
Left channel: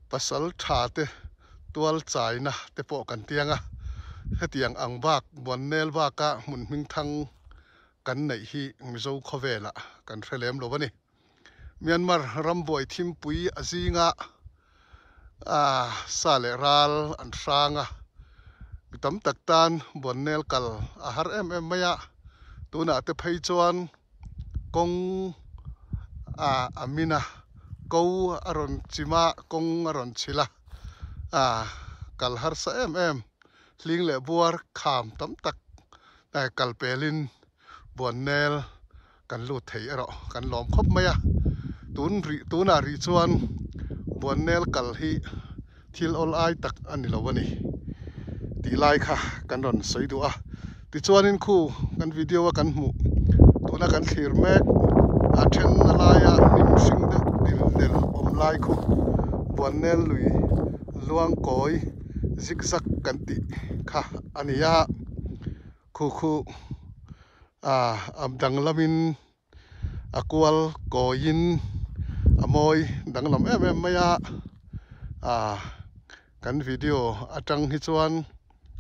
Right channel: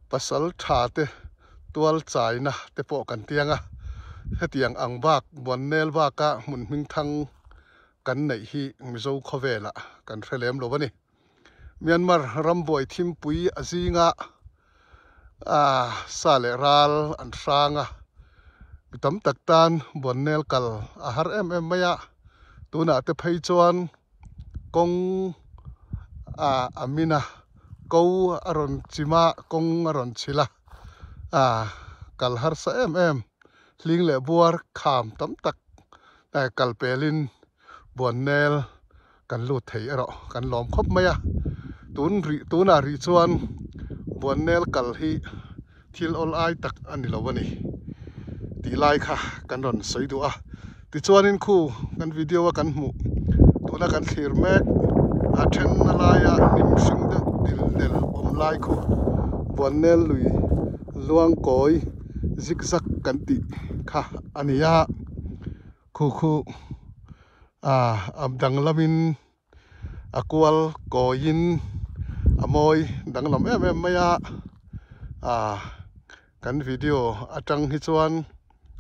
pasal tha te tual chai na te po kan tianga hetiang ang bak buồn nel baka mun ming thang kan nei hi mizo khovela kan threlem lo bani Myanmar ramboi thim pui azinga sale ral an ranga mitam taktan buồn nel kal a har maya tuna te phei chuan kong amina ko aron chima kong aron chila kal har sa hling le buar kham tam tak ta kal pelin buồn nel kan lu thei ero kan lom khop maya tuna ri chuan buồn nel kal hi thil ol ai tak ani lowani ti lai kha kan ron soi du a ti chuanin khu kan video kan mu tuna kan thlir me a then alaya nim sing de dil del om lai khu buồn nel lui luang koi zigzag kan ti kha ania khu dang lamin akwal koin amoi dang lam maya kan video atang hi chuan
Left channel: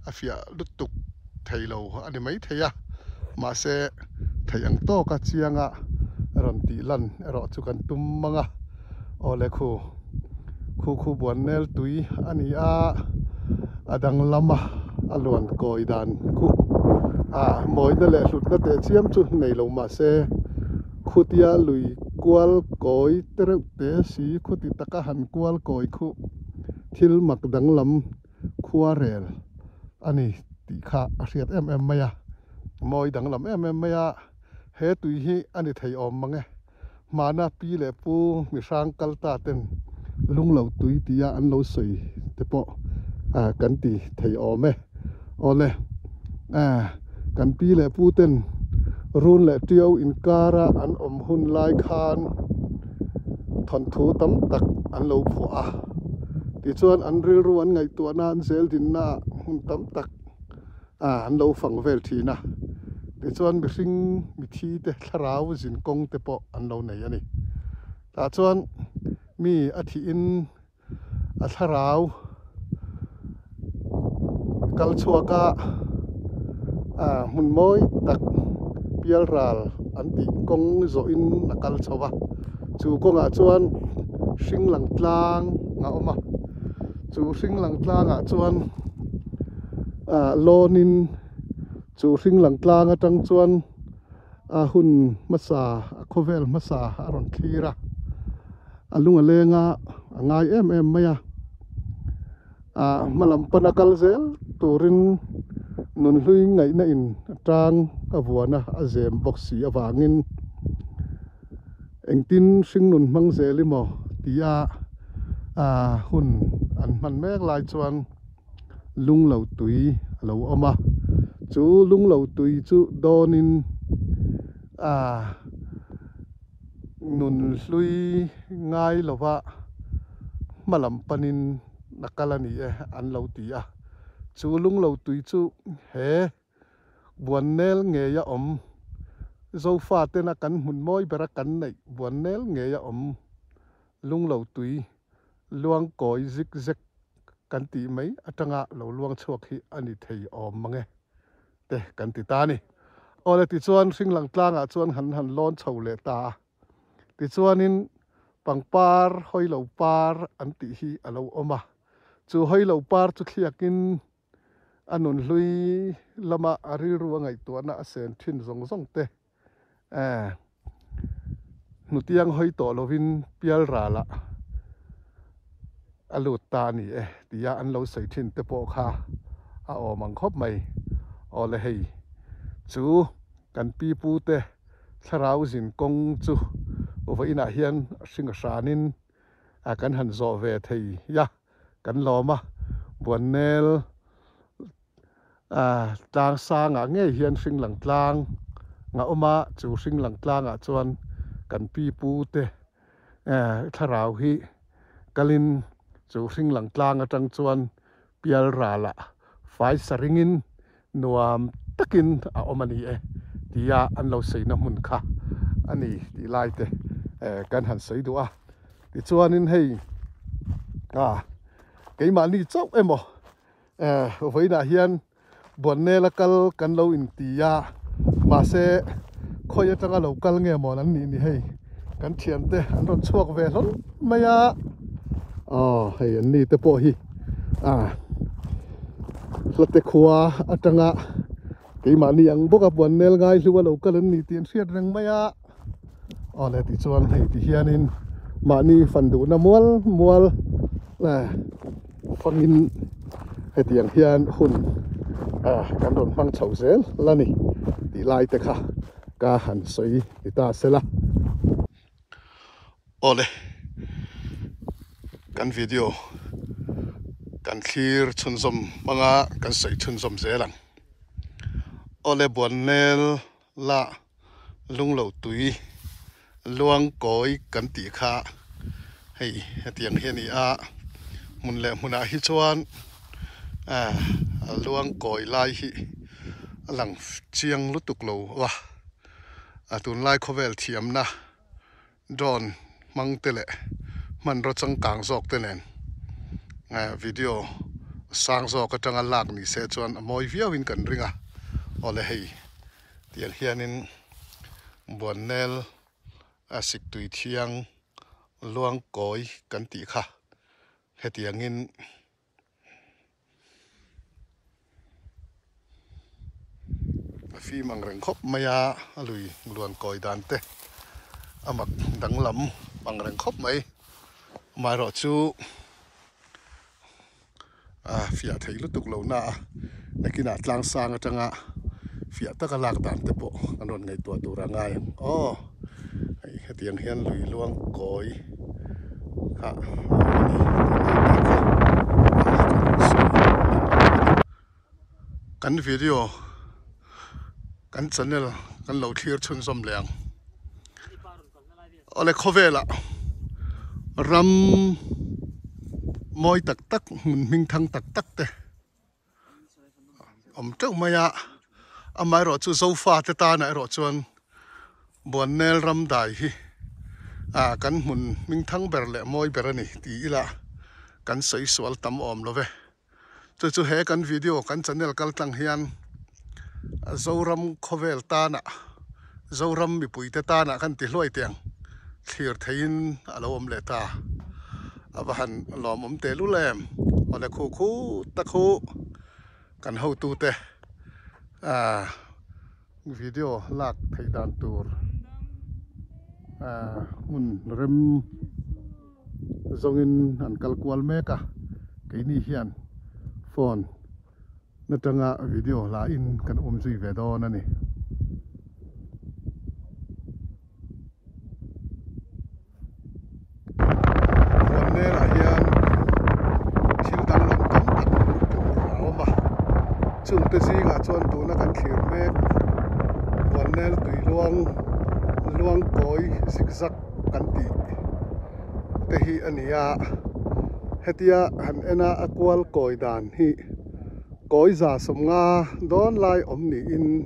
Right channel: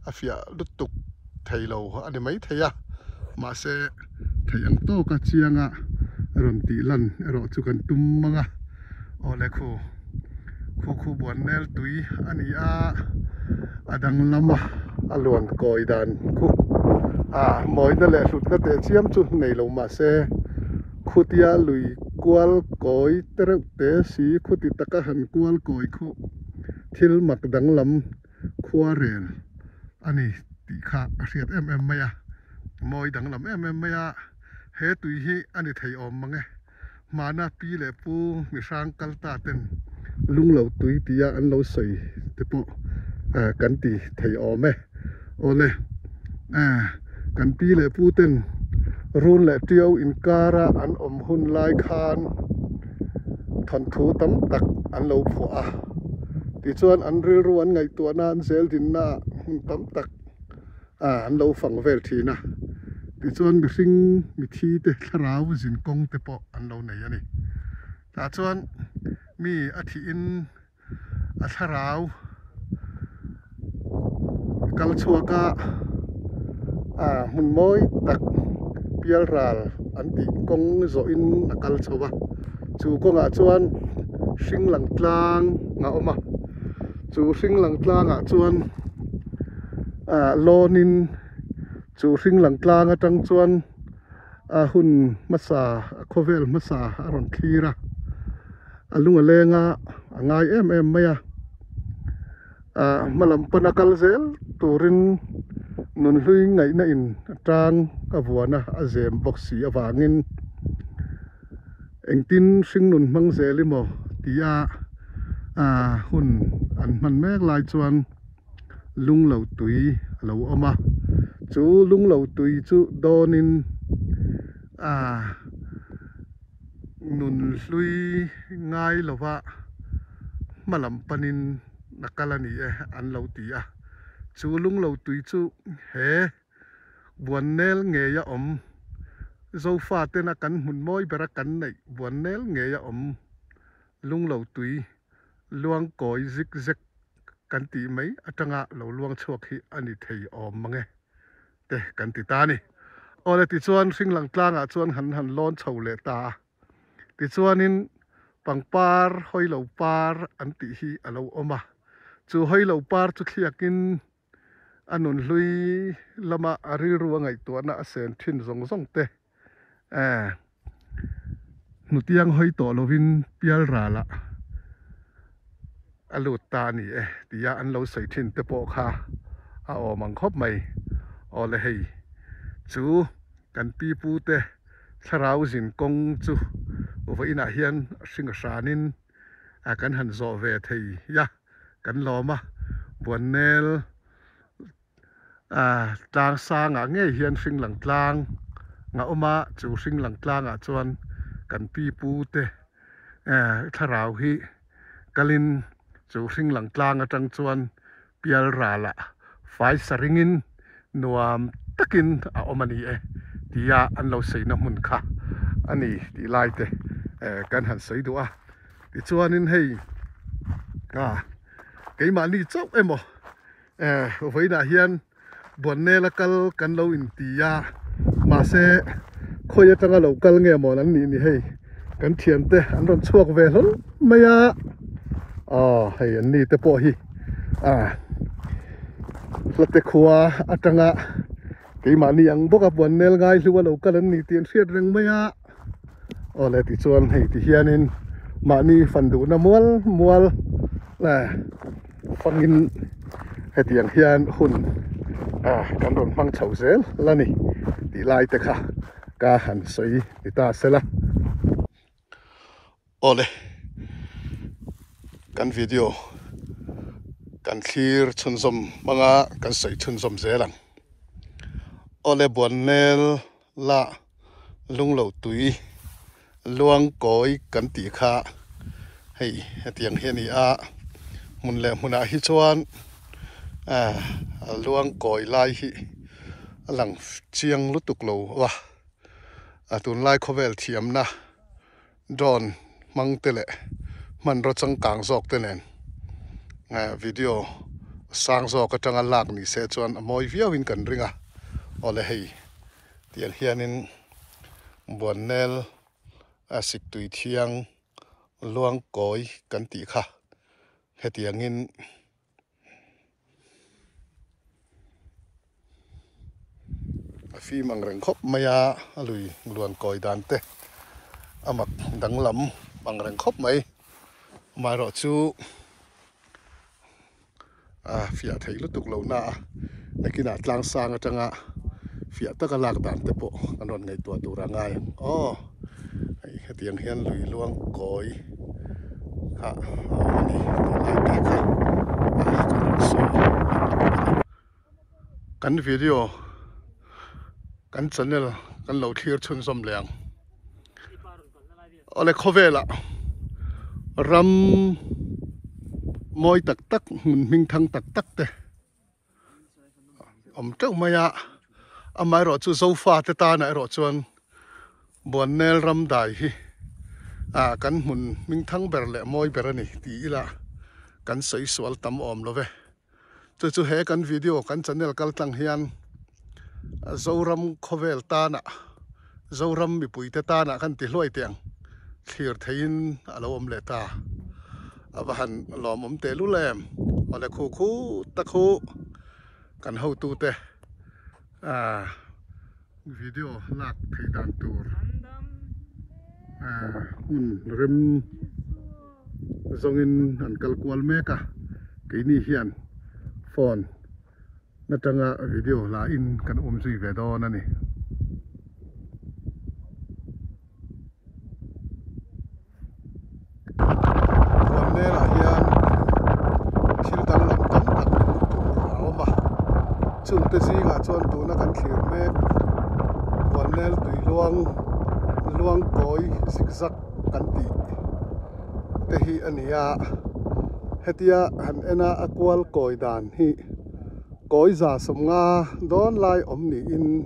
afia lutuk thailo ani mai theya ma se thayang to ka chianga ron ti lan ero chu kan tum manga ole khu buồn nel tui ani adang lama alon koi dan khu moi na le hlut na te chiam chu nei lo ma se khutia lui kwal koi tere te si khuti taka han kwal koi khu thil mak dang lam khua rel ani ti kha riat maya moi dang lam maya he tui hi ani thei om mange mana pi le pu mi sang kal ta ten lung lo tui tia an lo soi te po kan ti thei om ole kan pi le pu ten run le tiau in kara an om hun lai khan thon thu tam tak an lo phu ti chuan an ril ruan ngai tu na an zel din na hun tam tak an lo fang vel thina ti chuan mi hring mi thi te tharau zin kong te po an lo nei ani ta chuan mi a thi in a tharau kal chuaka mun moi tak pial ral an ti kong zo in akal chowa chu konga chuan hring lang tlang nga oma chu hring lang tlang chuan lonin chu hring lang tlang atang chuan hun masa khovel masa aron thira alunga lenga angai maya malam panakal zel turin nun hlui ngai na in tang kavuana azem boxi awangin engtin hring nun mang zelimo tia hun an man mek lai chuan lung lo tui lo oma chu lung lo tui chu donin nun hlui ngai lova malam panin nakalani an lo tia chu lung lo tui chu he buồn nel nghe ya dâu pha tên là cắn hùn môi bera cắn này buồn nel nghe ya lung lâu tùy luang còi zig zag cắn tì mấy ở trong lâu luang chuộc hi anh thầy mà nghe để cắn tì ta nè ở đây tì chuan sinh lăng tlang chuan hẳn lon chầu lệ ta tì chuan in bằng par hoi lâu par anh tì hi ở lâu oma chú hoi lâu par chú khi akin anh lui lama ari ruang ngày tuan na sen thin zong zong te nutiang hoi to lovin pial ra la alut ta ni tia an lo sei thin te po kha a o mang khop mai o le hei chu kan pi pu te tharau zin kong chu over ina hian singa sanin a kan han zo ve thei ya kan loma buan nel tlang sang nge hian sing lang tlang nga oma chu sing lang tlang chuan kan pi pu te tharau hi kalin chu sing lang tlang atang chuan pial ra la fai saringin nuam takin a omani tia an lo sei na mun kha ani ti lai te kan han sei du ti chuan in hei cái mà ni chốc em với na hian buồn nè là kan lo in tia mà sẽ khôi ở trong lâu kal nghe mòn anh ni hei kan thiam te an ron chuak ve lon maya hei an ni te po hi late khua atanga cái mà ni ang boka buồn nè ngai lu lâu kal an ni tiền siat reng maya le ti chuan hei ti hianin mà ni fan du na mual là fangin hetiang hian hun kan ron mang chau zel lani ti lai te kha ka han soi ti ta sela ole kan video kan khir chun som manga kan sei chun som zelang ole buan nel la lung lo tui luang koi kan ti kha hei hetiang hian ni mun le muna hi chuan luang koi lai hi alang chiang lutuk lo wa atun lai khovel thiam na don mang tele man ro chang kang zok te nen video sang zo ka tanga lak ni se chuan amoi viawin kan ringa ole hei tiang hianin buan nel asik tui thiang luang koi kan ti kha hetiangin phi mang reng khop maya lui luan koi dan te amak dang lam mang reng khop mai mai ro chu fia thei lu tuk lo na nakina tlang sang atanga fia taka lak dan te po anon ngai tua tura ngai ai hetiang hian lui luang koi kan video kan channel kan lo thir chun som leng ole khovela ram moi tak tak ming thang tak tak te trâu maya amai ro chu sofa te ta na ro chuan buan nel ram dai hi kan mun ming thang ber le moi ber ani ti ila kan sei swal tam om lo ve chu he kan video kan channel kal tang hian zoram khovel ta na zoram mi pui te ta na kan ti hloi tiang thlir thein alo om le ta abahan lom om te lu lem ole khu ta khu kan ho tu te video lak thei dan tur mun rem zongin an kalkwal meka keini hian phone natanga video la in kan zui ve do na ni ne la hian thil dang lam tam tak awma chung te zinga chuan tu na kan thlir me wan nel tui luang koi zigzag kan ti te hi ania hetia han ena akwal koi dan hi gói giả sầm nga đón lai ôm nỉ in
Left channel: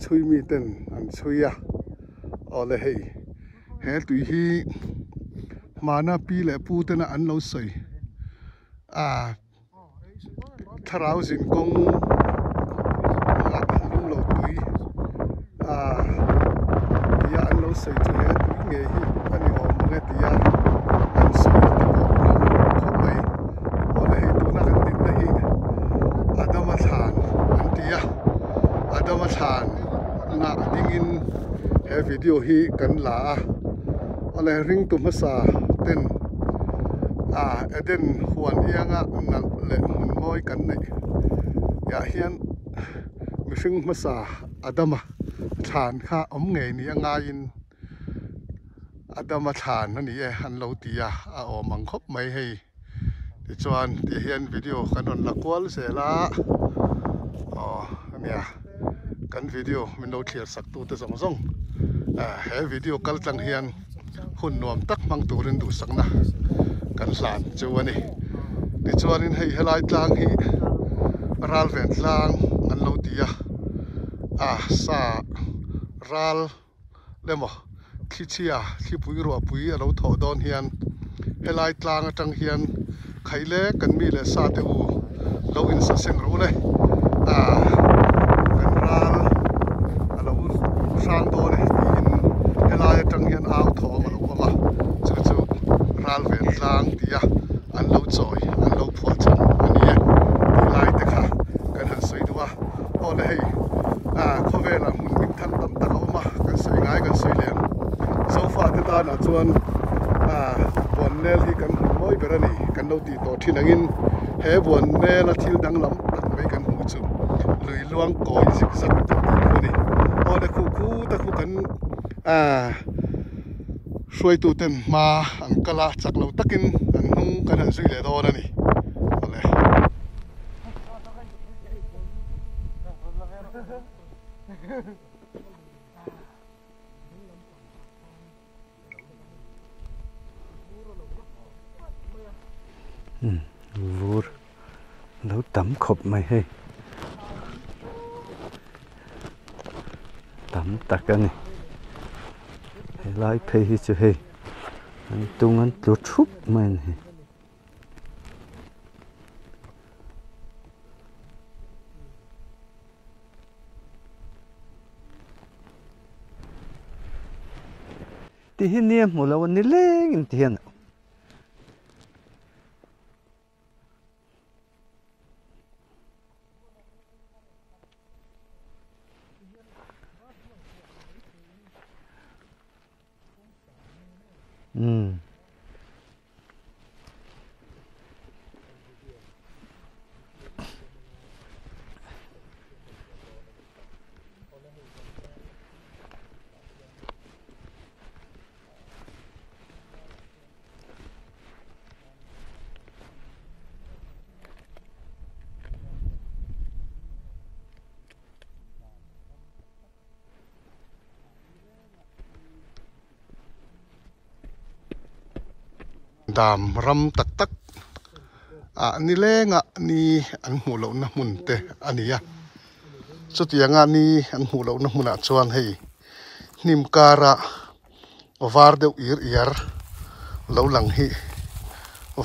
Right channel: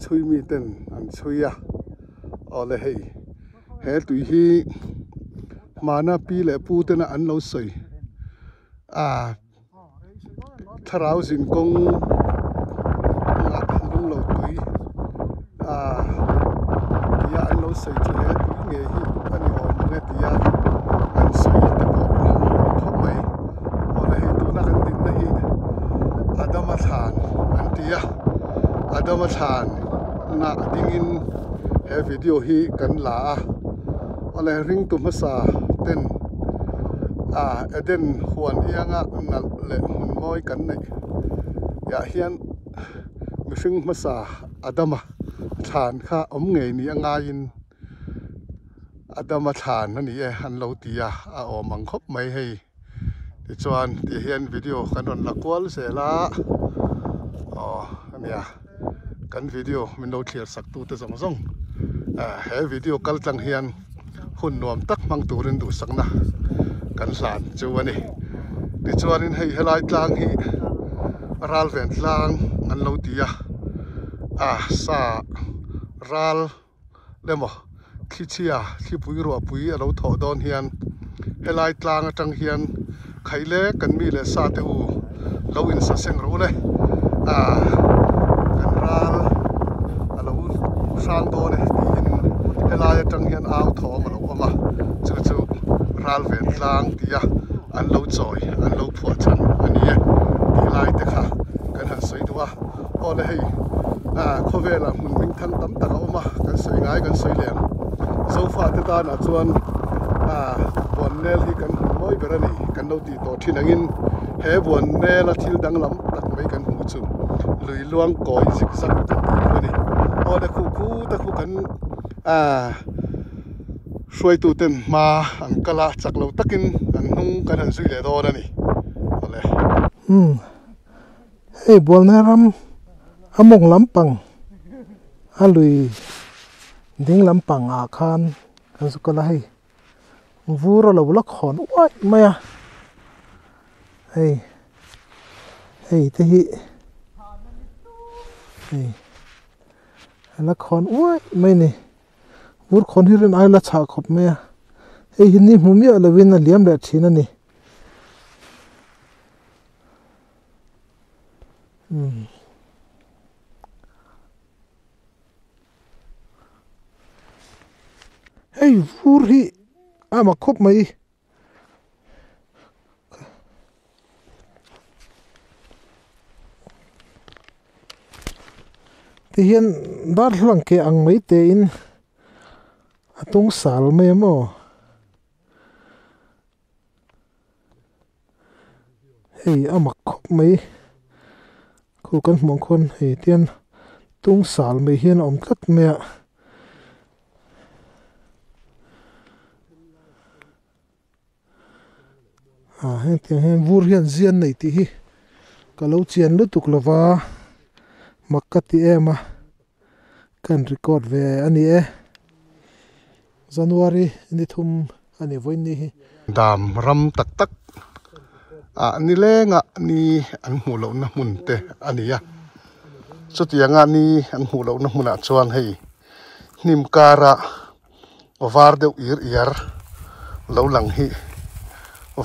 chui mi tên ăn chui ở đây hè tùy hi mà na pi lệ pu tên là ăn lâu sợi thảo xin công ăn lâu tùy ya ăn lâu sợi cho hè nghề hi anh ôm nghe tia ăn sợi không vậy ở đây tu na ăn tin đây Adam Athan anh tia Adam Athan na dingin he video hi kan la ole ring tu masa ten eden huan ianga nal le mun moi kan nei ya hian mi hring masa Adama than kha om ngei ni anga in Adama than ani e han lo tia a om ang khop mai hei ti chuan ti hian video kan on la kwal se la ania kan video min lo thliar sak tu te zong zong he video kal tlang hian hun nuam tak mang turin du sakna kan hlan chu ani ti chuan in hei helai tlang hi ral ven tlang an lo tia sa ral lemo khichia khi pui ro pui a lo tho don hian helai tlang atang hian khaile kan mi le sa te u lo in sa seng ro le kan ral alo sang do le in helai atang hian au tho ma lo ma chu chu ral ven tlang tia an lo choi an lo phua chan ani e lai te kha kan han soi duwa o le hei khovela mun ming thang tam ta oma kan soi ngai kan soi lem so far te ta na chuan bon nel hi kan moi berani kan lo ti to thinangin he bon nel a thil dang lam rak mai kan hu chu lui luang koi zik sak ani o le khu ta khu kan xuôi tu ten ma an kala chak lo takin an hung kan han sui le do na ni ole hey bol na ram among lampang alui ding lampang a khan kan su kala hai vura lo lak khon wai maya hey lo tam khop mai hey lak khon wai mai ni mur khon hi rin ai la cha khop maya hey hin ni humi ala win na liam le china ni hey puri ama khop mai ti hian dar hlang ke ang mai te in atung sal mai mo hey ama khop mai khu kan mong khon hey tian tung sal mai hian om tlat me hen tiang hen vur hian zian nei ti hi kalau chian lu tuk lova makati ema kan record ve ani e January ni thum ani voin ni hi dam ram tak tak ni lenga ni an mu lo na mun te ani ya chutianga ni an mu lo na mun a chuan hei nim kara over de ir lo lang hi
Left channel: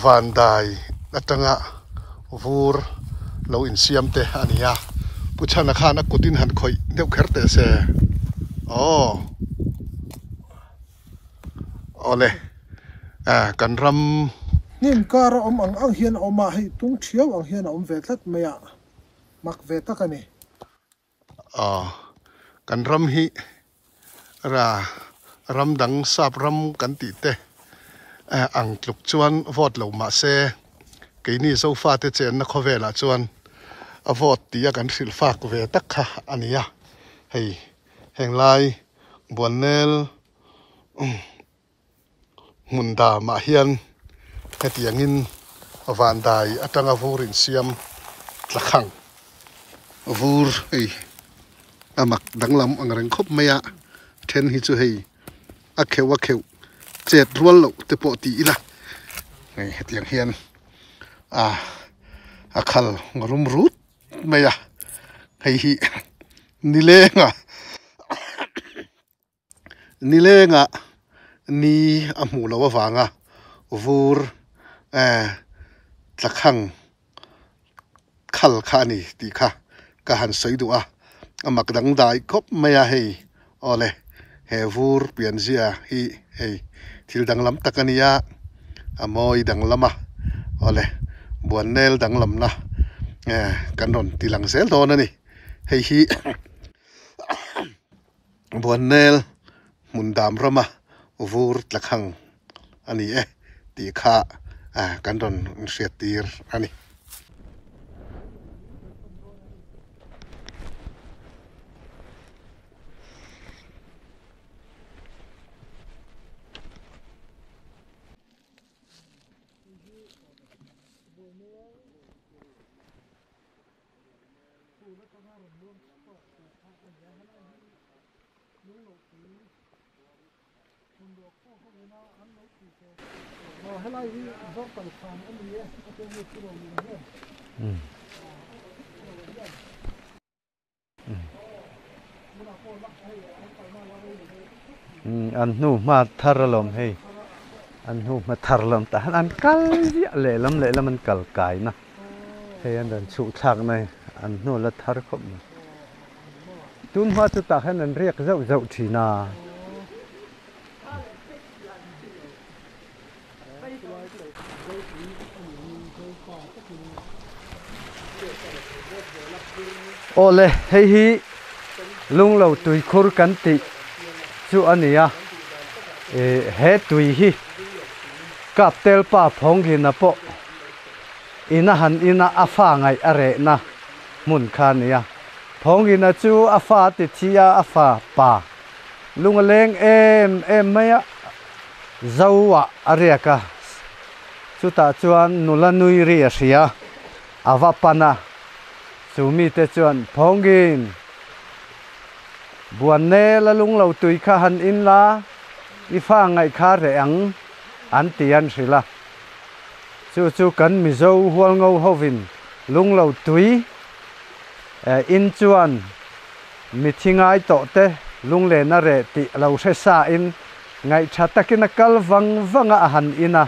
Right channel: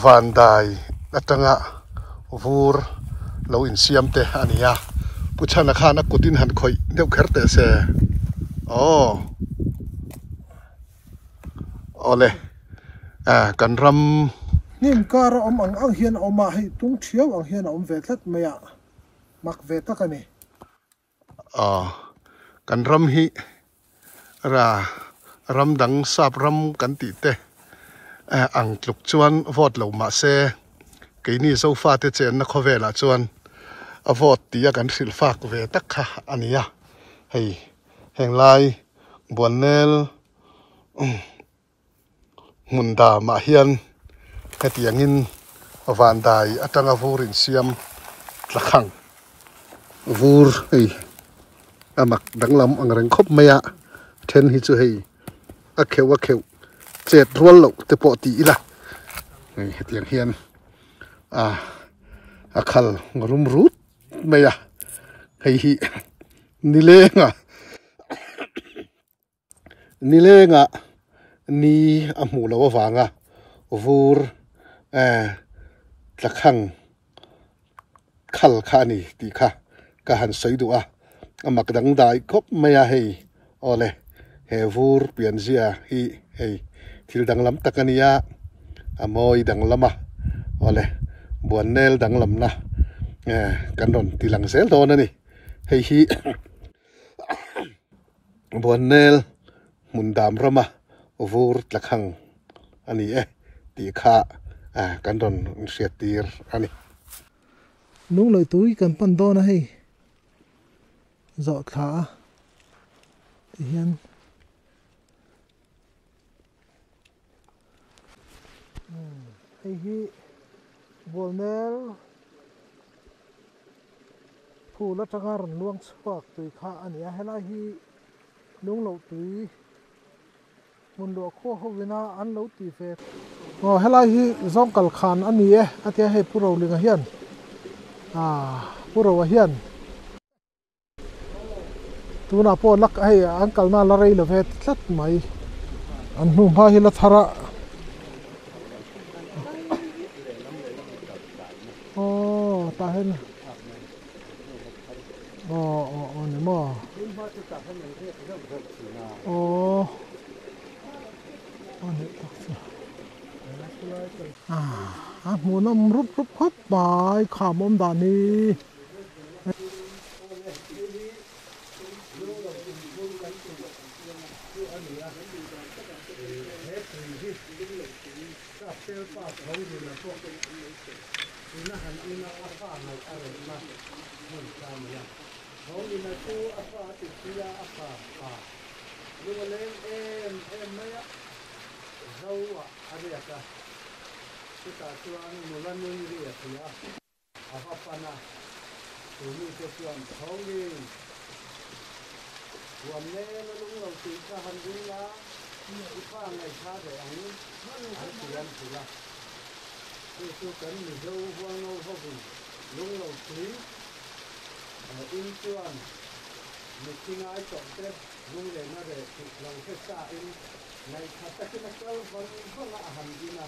van dai atanga vur lo in siam te ania puchana khana kutin han khoi deu kherte se ole kan ram nim kara om ang hian oma hi tung thiau ang hian om ve tlat maya mak ve takani kan ram hi ra ram dang sap ram kan ti te ang tluk chuan vot lo ma se ke ni so fa te chen na khovela chuan a vot tia kan sil fak ve tak kha ania hei henglai bonel munda ma hian hetiangin van dai atanga vurin siam tlakhang vur hei amak danglam angreng khop maya then hi chu hei a kheu chet rual lo te po ti ila ngai hetiang hian a khal rum rut mày à hay hi ni lenga ni amu lo wanga vur tlakhang khal khani ti kha ka han sei du a amak dang dai khop maya hei ole he vur pian zia hi hei thil dang lam takania amoi dang lama ole buan nel dang lam na kan ron tilang sel to na ni hei hi buan nel mun dam rama vur tlakhang ani ti kha kan ron siatir ani lung lợi túi cần pan đo na hay dọ thả thì hiền hay hi bol nel thu la changar luang spark tui kha ani a hela hi lung lo tui mun do kho hovina an lo ti fe hela hi zong kal khan ani e atia he puro linga hian puro wa hian tuna po lak ai angkal na la rei lo vet tlat mai an nu ma thar lo ha hi la thara an nu ma thar lam ta an kal ya le lam an kal kai na he an chu thak nai an nu la thar ko ne mo tun ma chu ta han an riak zau thina hmu nam rup hop bai kham om da ni ole hei hi lung lo tui khur kan ti chu ania he tui hi kap tel pa phong hi na po ina han ina afa ngai are na mun khan ya phong hi na chu afa ti chia afa pa lung leng em maya zawa are ka chuta chuan nula nui ri a ria awa pana chumi te chuan phongin buan ne la lung lo tui kha han in la i fa ngai kha re ang an tian sila chu kan mi zo hual ngau hovin lung lo tui in chuan mi thingai to te lung le na re ti lo se sa in ngai tha takin kal wanga a han ina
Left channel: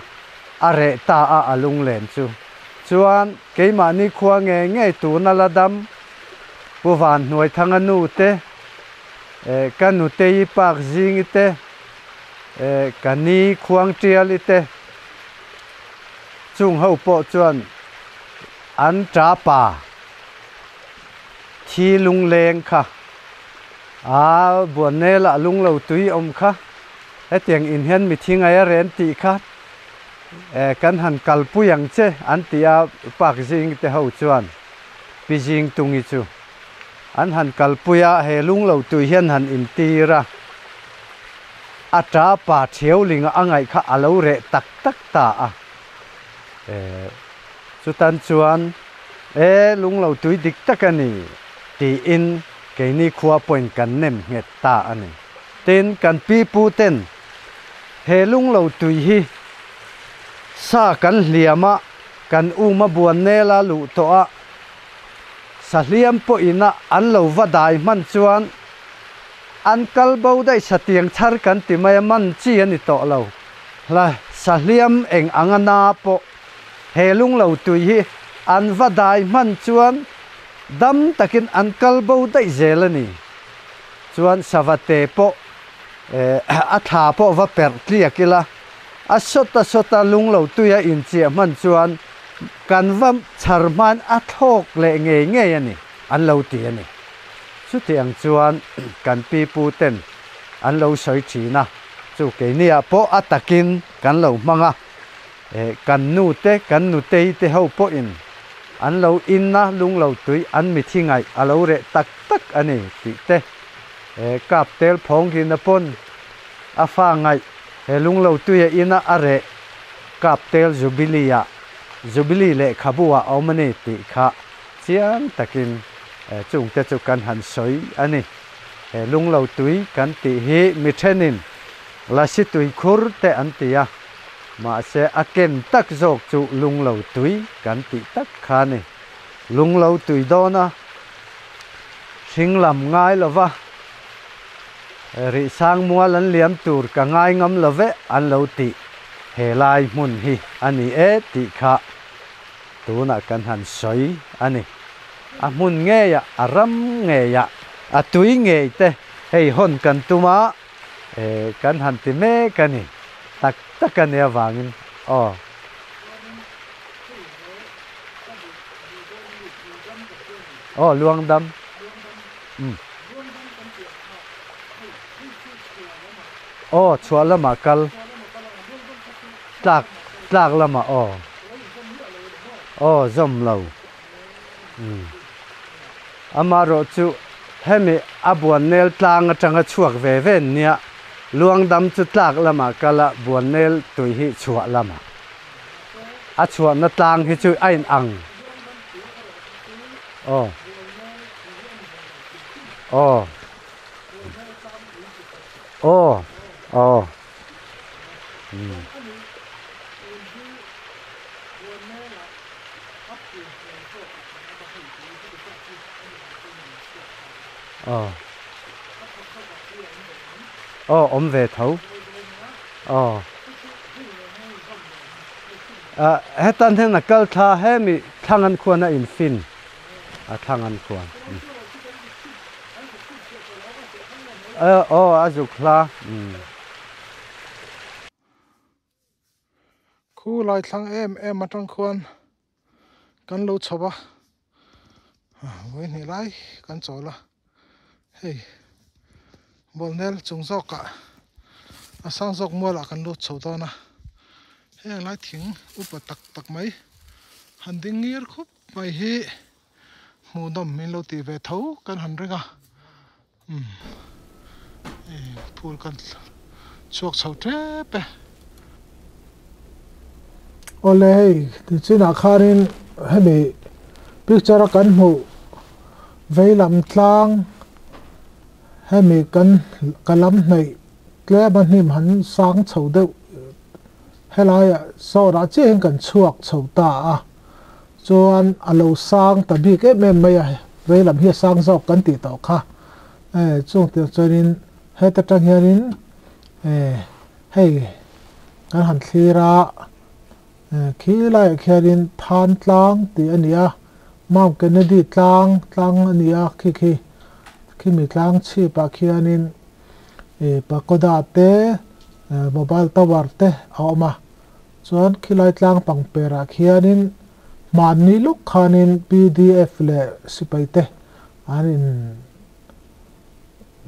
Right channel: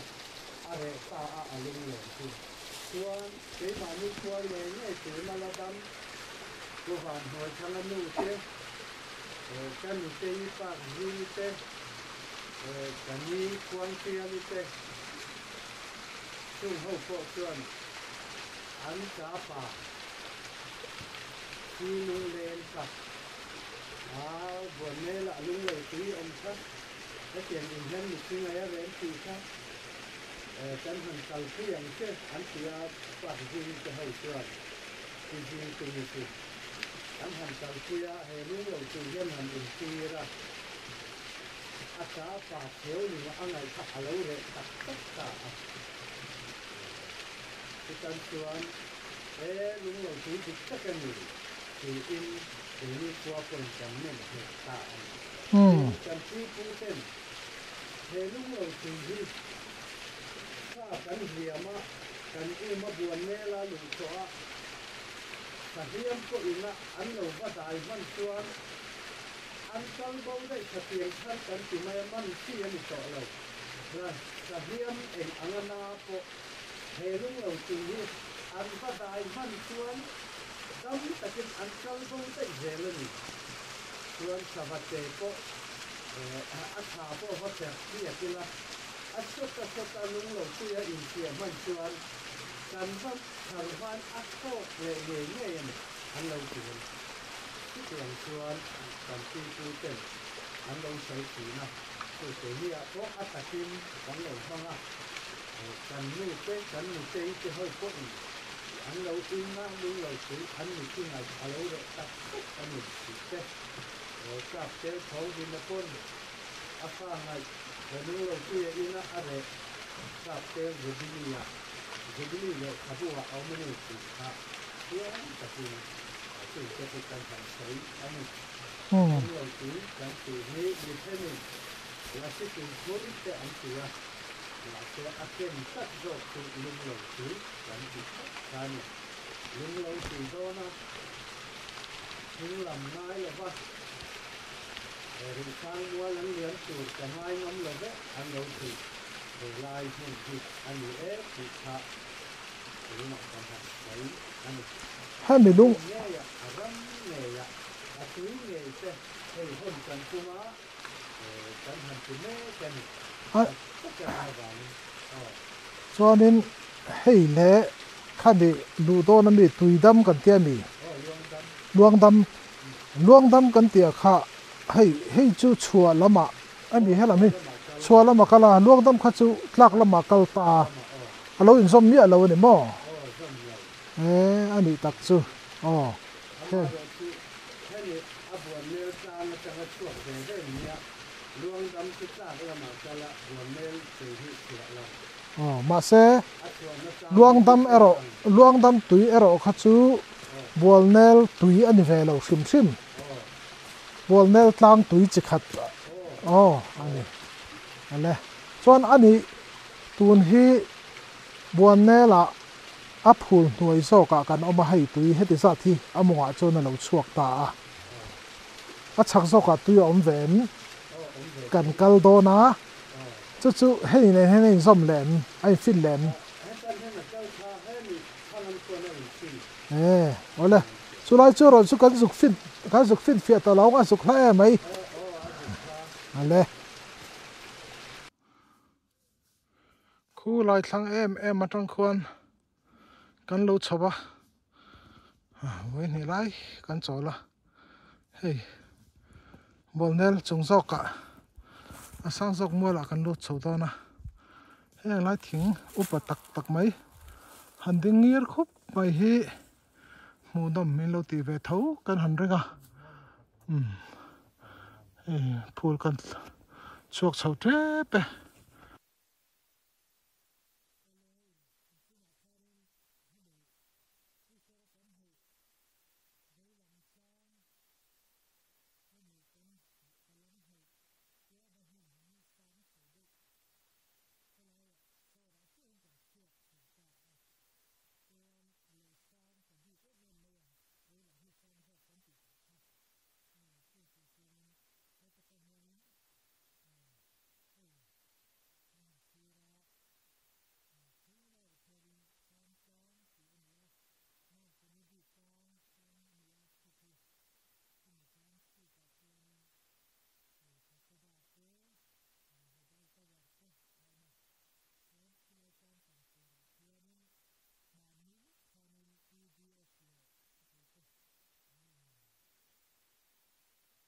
are ta a alung len chu chuan keima ni khuwa nge tu na la dam puwan hnuai thanga nu te kan nu te i pak jing te kani khuang trial te chung ho po chuan an tra pa thi lung leng kha buan ne la lung lo tui om kha tiang in hian mi thingai a ren ti kha kan han kalpuyang che an tia pak jing te ho chuan pi jing tungi chu an han kalpuya he lung lo tu hian han in tira atra pa theu linga angai kha alo re tak ta a chu tan chuan lung lo tui dik takani ti in ke ni khuwa point kan nem nget ta ani ten kan pi pu ten he lung lo tui hi sa kan hliama kan uma buan ne la lu to a sa hliam po ina an lo vadai man chuan an kalbo dai satiang thar kan ti mai man chi ani to lo la sa hliam eng angana po he lung lo tui hi an vadai man chuan dam takin an kalbo dai zelani chuan savate po a tha po va per tliakila sota lung lo tuya in chia man chuan kan vam charman a thok le nge ani an lo ti ani chu tiang chuan kan pi pu ten an lo soi thina chu ke nia po atakin kan lo manga kan nu te ho po in an lo in na lung lo tui an mi thingai a lo re tak ani ti te kap tel phong hin na pon a fa ngai he lung lo tuya ina are kap tel zubili le khabua omani ti kha sian takin chung te chu kan han soi ani lung lo tui kan ti hi mi thenin la si tui khur te an tia ma se aken tak jok chu lung lo tui kan ti tak kha ni lung lo tui do na thing lam ngai lova ri sang mua lan liam tur ka ngai ngam love an lo ti he lai mun hi ani e ti kha tu na kan han soi ani mun nge ya aram nge ya a tui nge te hei hon kan tuma kan han ti me kani tak kan ya wangin cho nên hei le khá đi đủ to nó bị tùy đâm cần tiền đi luang đâm cần tiền khá hei chú chua lắm mà chua lắm mà là luang đâm khá chú lắc lắm mà lâu in zoom nhẹ lâu này mò zoom lâu anh đi đặt chú amaro chú hemi abuan nel tlang atanga chuak ve ven nia luang dam chu tlak lama kala buan nel tui hi chua lama mà sẽ chua na tlang hi chu ain ang luang dam tui ero kha chu buan nel tui ani ve lo sim buan nel tlang tui chi khat ale chuan ani tun hi buan nela aphul nuai so ka kan oma hei tui heti sa thi amonga chona lo chuak ta a chak so ka tui om ven om ve thau kal do na chu hei nei zom len ai fin len hetan hen nakal tha hemi thangan khuana in fin thangan khuan chu lai chu ron chu kan zuk fin fia to lo a zuk hla mai a zuk hla ale khu lai thlang em matang khuan kan lo chowa với này lại kan cho la hey bol nel chung zok ka sang zok mua la kan lo chho to na hey lai thing upa tak mai han ding ngir khup mai hi mu dom min lo ti ve thau kan han renga phul kan chuak chho tre pe ole hey ti china kharin hemi picture kan mu veilam tlang hemi kan kalam nei tle ban him han sang chho deuh helai so ra chen kan chuak chho ta chuan alo sang ta bi ke mem mai veilam hi sang zok kan ti to kha chung ti chuanin heta tang hianin hei kan han thira khi lại khiarin than tlang ti ania Mount Kennedy tlang ania khi mi tlang chi pa khianin pagoda te mobile tower te awma chuan khi lai tlang pangpera khianin mani luk khanin PDF le sipai te anin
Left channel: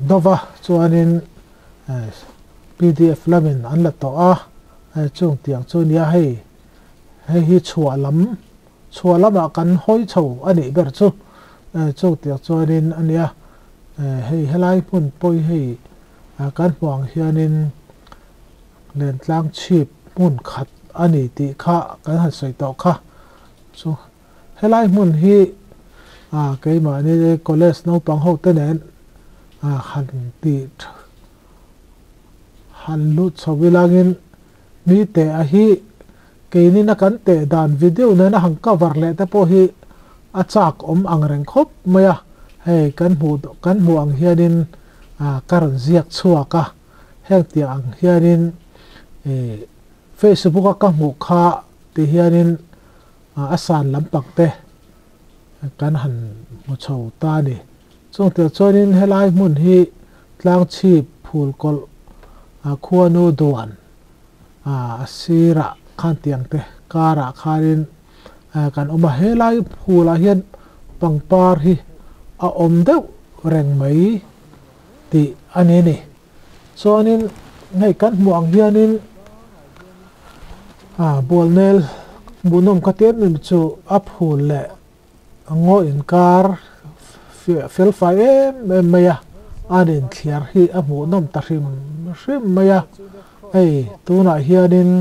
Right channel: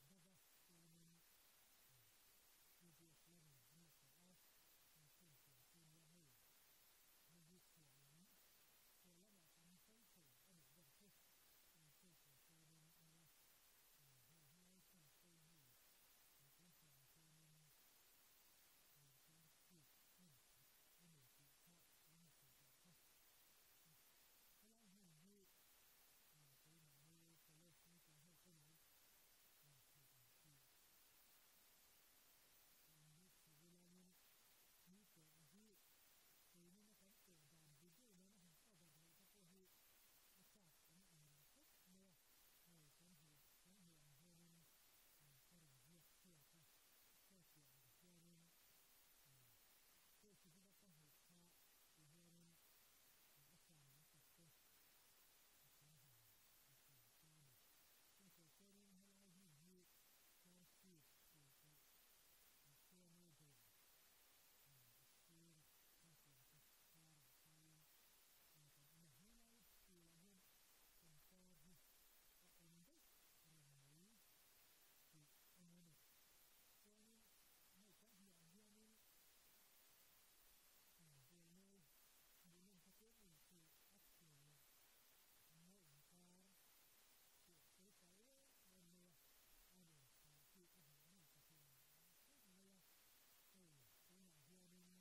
dova chuanin PDF lamin an la to chung tiang chu nia hei hi chua lam kan hoi chho ani ber chu tiang chuanin ania hei helai mun poi hei kan huang hianin len tlang chip mun khat ani ti kha kan ha soi to kha chu helai mun hi cái mà ni college no pang ho te nen han ti han lu chawilangin mi te a hi cái ni na kan te dan video ne na hang cover le te po hi achak ang reng khop maya hey kan mu ang hianin karan ziak chuaka heng ti ang hianin Facebook ka mu kha ti hianin asan lampak te kan han mu chho ta ni chung te chonin helai mun hi tlang chip phul kol khuanu duan asira khan tiang te kara kharin kan oma helai phula hian pangpar hi om deuh reng mai ti ani ni chuanin ngei kan muang hianin bol nel bunom ka tem min chu a phul le ngo in kar fel fai em maya anin thiar hi a mu nom ta hrim maya ei tuna hianin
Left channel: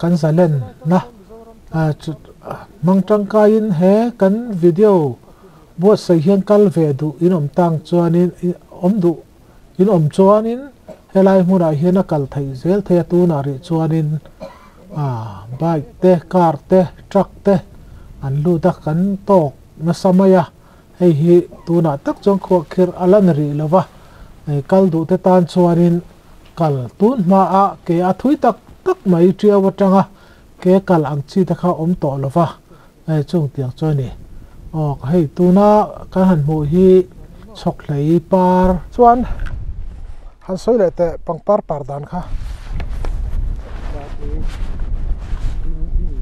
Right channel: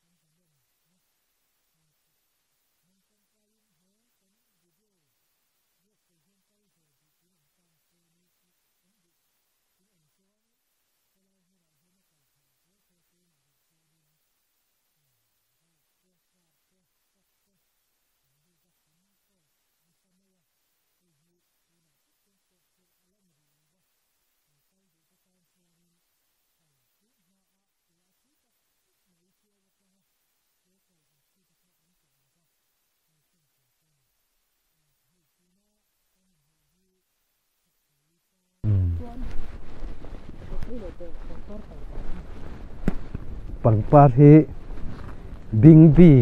kan zalen na mang tangkain he kan video bo sai hian kal ve du in om tang chuanin om du in om chuanin helai hmuna hian a kal thei zel the tu na ri chuanin bike te car te truck te an lu ta kan tok na samaya hei hi tuna tak chong kho khir alan ri lova ei kal du te tan chuanin kal tun ma a ke a thui tak tak mai tia watanga ke kal ang chi ta kha om to lova ei chung tiang choni ok hei tuna kan han mu hi chok hlei par chuan han soi le te pangpar par dan kha pangpar hi bing bi